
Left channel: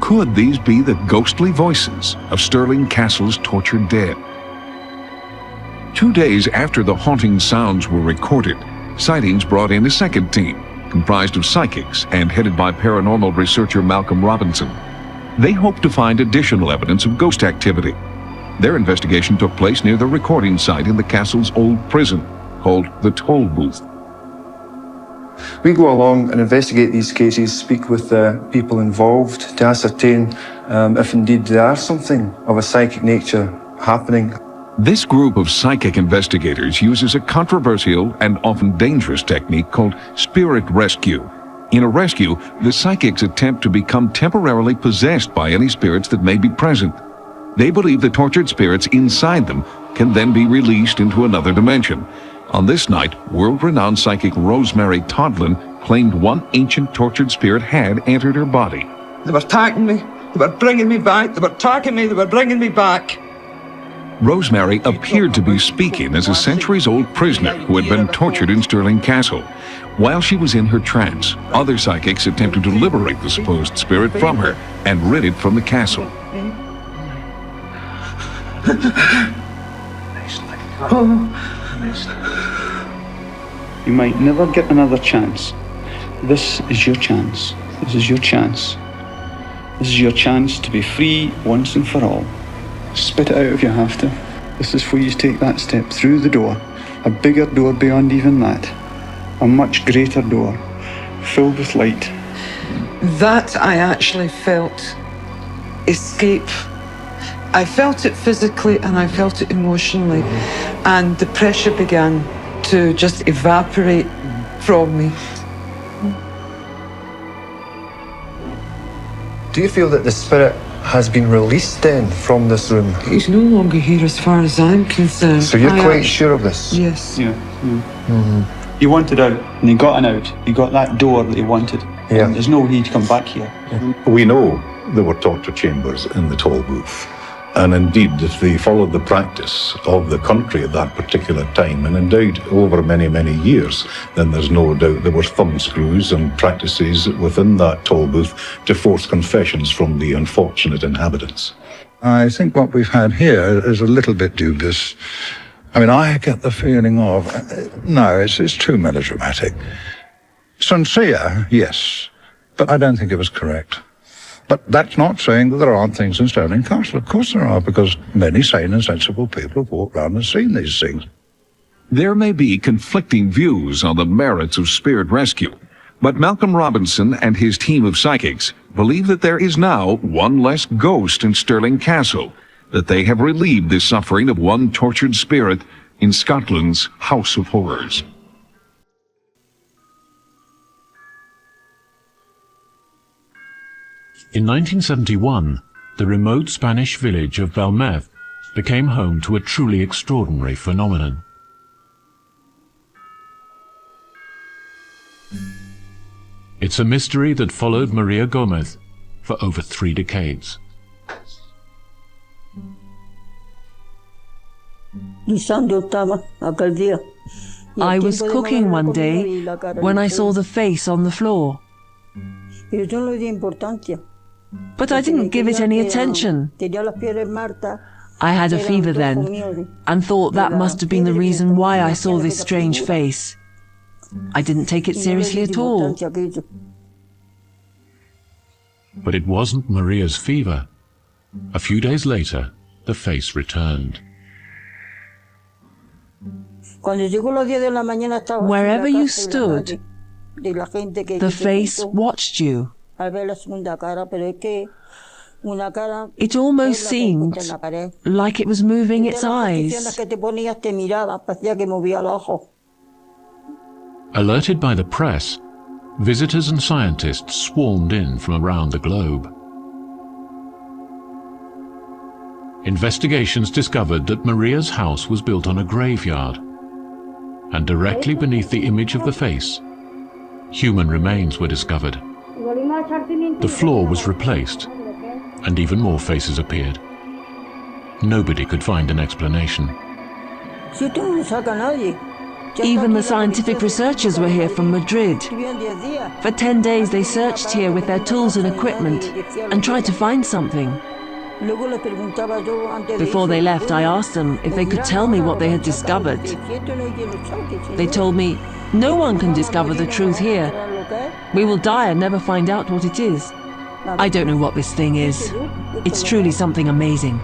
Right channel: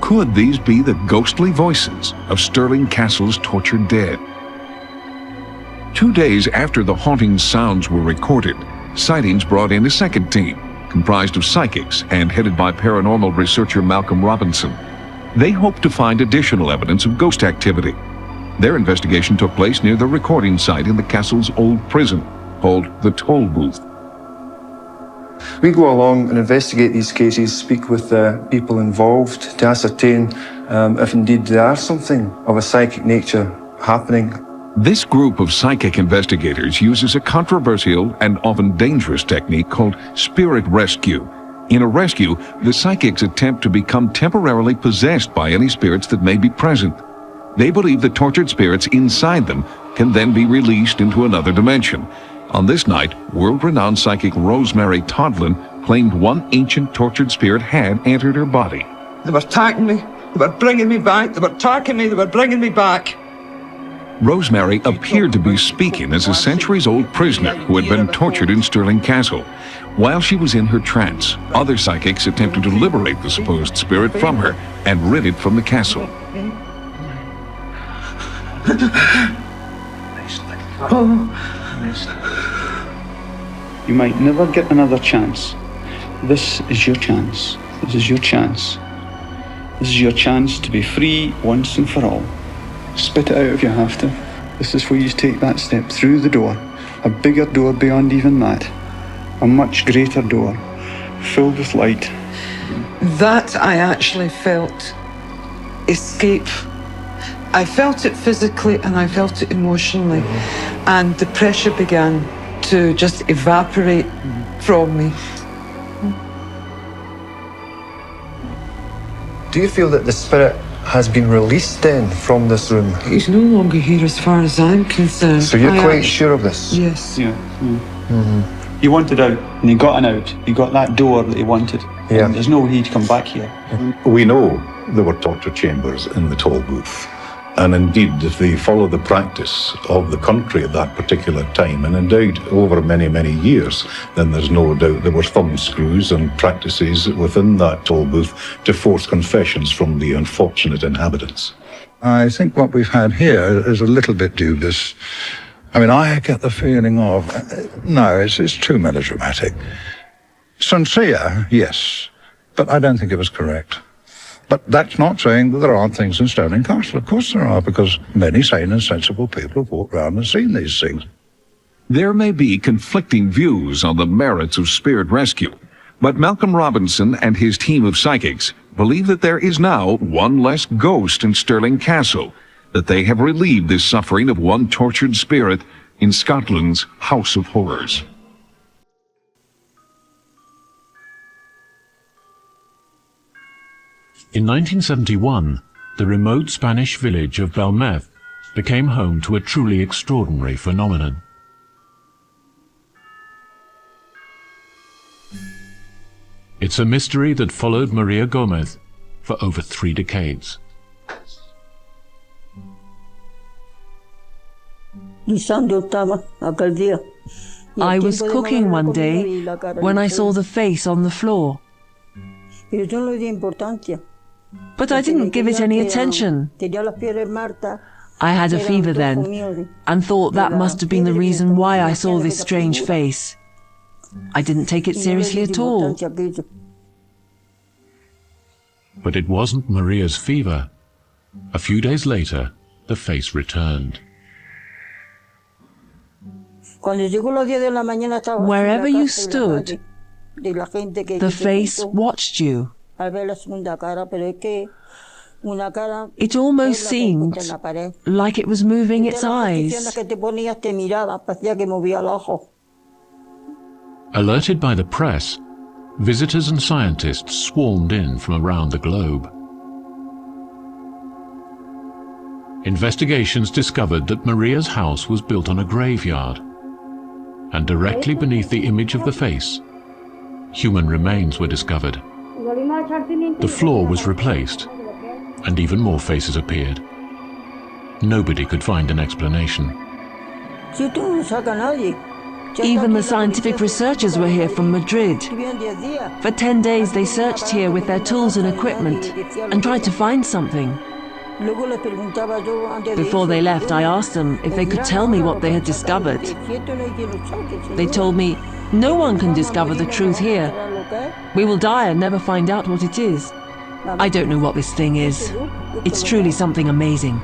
Could these be the ghostly voices of Stirling Castle's tortured dead? 2 days after the haunting sounds were recorded, Sightings brought in a second team, comprised of psychics and headed by paranormal researcher Malcolm Robinson. They hoped to find additional evidence of ghost activity. Their investigation took place near the recording site in the castle's old prison, called the Toll Booth. We go along and investigate these cases, speak with people involved to ascertain if indeed there are something of a psychic nature happening. This group of psychic investigators uses a controversial and often dangerous technique called spirit rescue. In a rescue, the psychics attempt to become temporarily possessed by any spirits that may be present. They believe the tortured spirits inside them can then be released into another dimension. On this night, world-renowned psychic Rosemary Todlin claimed one ancient tortured spirit had entered her body. They were attacking me. They were bringing me back. They were attacking me. They were bringing me back. Rosemary appeared to be speaking as a centuries-old prisoner who had been tortured in Stirling Castle. While she was in her trance, other psychics attempted to liberate the supposed spirit from her and rid it from the castle. You might never get another chance. This is your chance. This is your chance. This is your chance to be free once and for all. Spit it out if you have to. This is for you to take that step through the door. A bigger door beyond even that. A much greater door, filled with light. That I actually felt escape. I felt it physically and I felt it emotionally. And the pressure began to just evaporate from me. Do you feel that the spirit has been released then from this room? He's no longer here as far as I'm concerned. Are you quite sure of this? Yes. Yeah. You wanted out, and you got an out. You got that door that you wanted. Yeah. There's no need to come back here. We know there were torture chambers in the Toll Booth. And indeed, if they followed the practice of the country at that particular time, and indeed over many, many years, then there's no doubt there were thumb screws and practices within that toll booth to force confessions from the unfortunate inhabitants. I think what we've had here is a little bit dubious. I mean, I get the feeling of, no, it's too melodramatic. Sincere, yes, but I don't think it was correct. But that's not saying that there aren't things in Stirling Castle. Of course there are, because many sane and sensible people have walked around and seen these things. There may be conflicting views on the merits of spirit rescue, but Malcolm Robinson and his team of psychics believe that there is now one less ghost in Stirling Castle, that they have relieved the suffering of one tortured spirit in Scotland's House of Horrors. In 1971, the remote Spanish village of Belmez became home to a truly extraordinary phenomenon. It's a mystery that followed Maria Gomez for over 3 decades. I was cooking one day when I saw the face on the floor. But I didn't give it any attention. I had a fever then, and thought that must have been the reason why I saw this strange face. I didn't take it seriously at all. But it wasn't Maria's fever. A few days later, the face returned. Wherever you stood, the face watched you. It almost seemed like it was moving its eyes. Alerted by the press, visitors and scientists swarmed in from around the globe. Investigations discovered that Maria's house was built on a graveyard, and directly beneath the image of the face, human remains were discovered. The floor was replaced, and even more faces appeared. Nobody could find an explanation. Even the scientific researchers were here from Madrid. For 10 days they searched here with their tools and equipment and tried to find something. Before they left, I asked them if they could tell me what they had discovered. They told me No one can discover the truth here. We will die and never find out what it is. I don't know what this thing is. It's truly something amazing.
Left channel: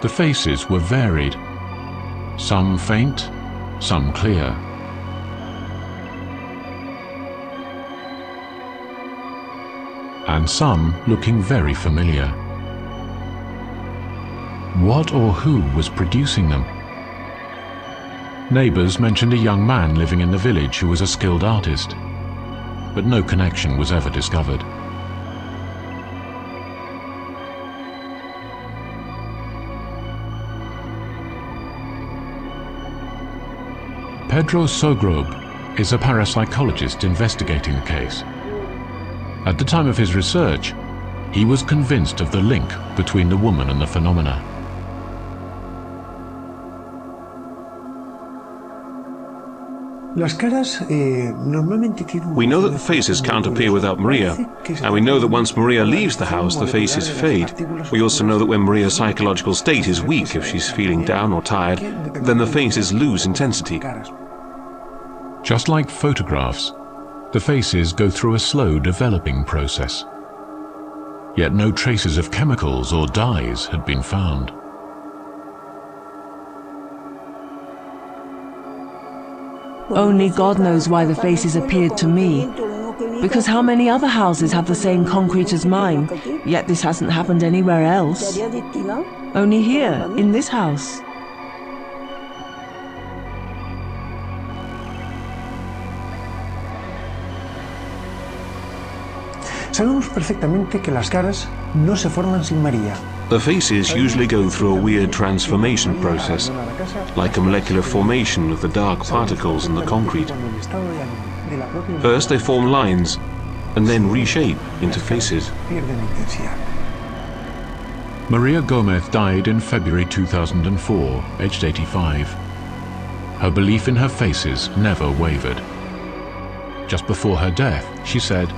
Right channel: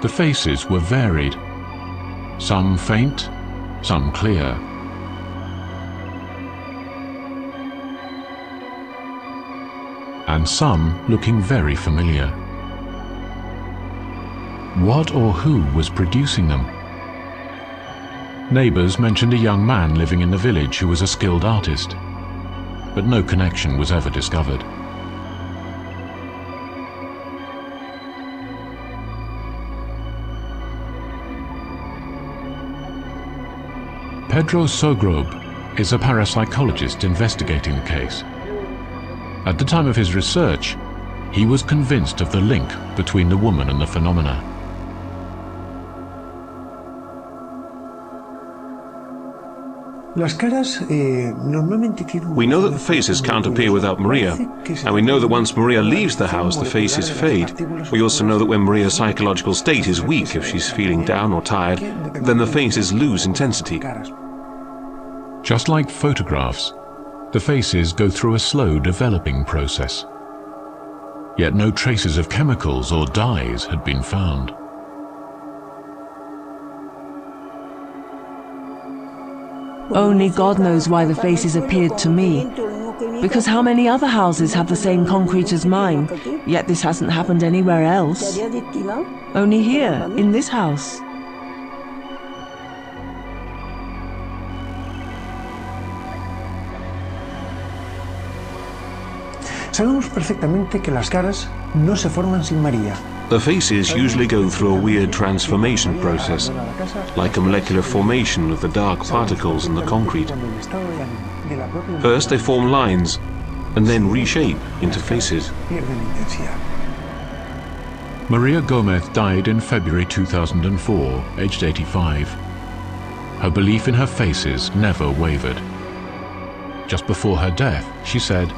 The faces were varied, some faint, some clear. And some looking very familiar. What or who was producing them? Neighbors mentioned a young man living in the village who was a skilled artist, but no connection was ever discovered. Pedro Sogrob is a parapsychologist investigating the case. At the time of his research, he was convinced of the link between the woman and the phenomena. We know that the faces can't appear without Maria, and we know that once Maria leaves the house, the faces fade. We also know that when Maria's psychological state is weak, if she's feeling down or tired, then the faces lose intensity. Just like photographs, the faces go through a slow developing process. Yet no traces of chemicals or dyes had been found. Only God knows why the faces appeared to me. Because how many other houses have the same concrete as mine, yet this hasn't happened anywhere else? Only here, in this house. Sabemos perfectamente que las caras no se forman sin María. The faces usually go through a weird transformation process, like a molecular formation of the dark particles in the concrete. First they form lines, and then reshape into faces. Maria Gomez died in February 2004, aged 85. Her belief in her faces never wavered. Just before her death, she said,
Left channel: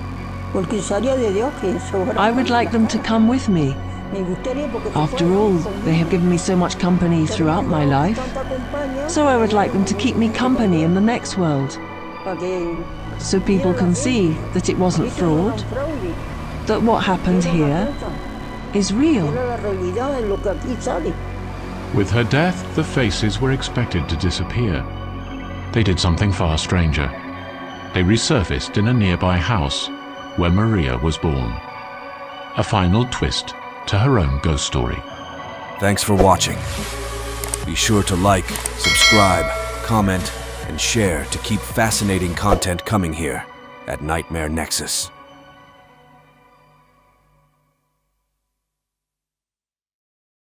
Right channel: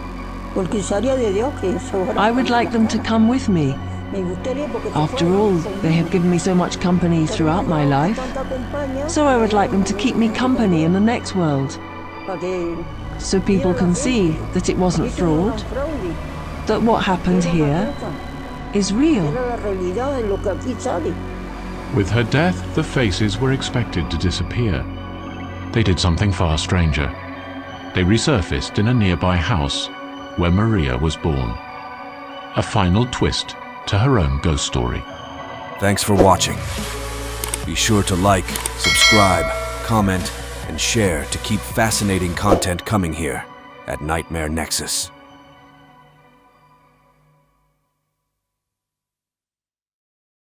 I would like them to come with me. After all, they have given me so much company throughout my life. So I would like them to keep me company in the next world. So people can see that it wasn't fraud, that what happened here is real. With her death, the faces were expected to disappear. They did something far stranger. They resurfaced in a nearby house where Maria was born. A final twist to her own ghost story. Thanks for watching. Be sure to like, subscribe, comment, and share to keep fascinating content coming here at Nightmare Nexus.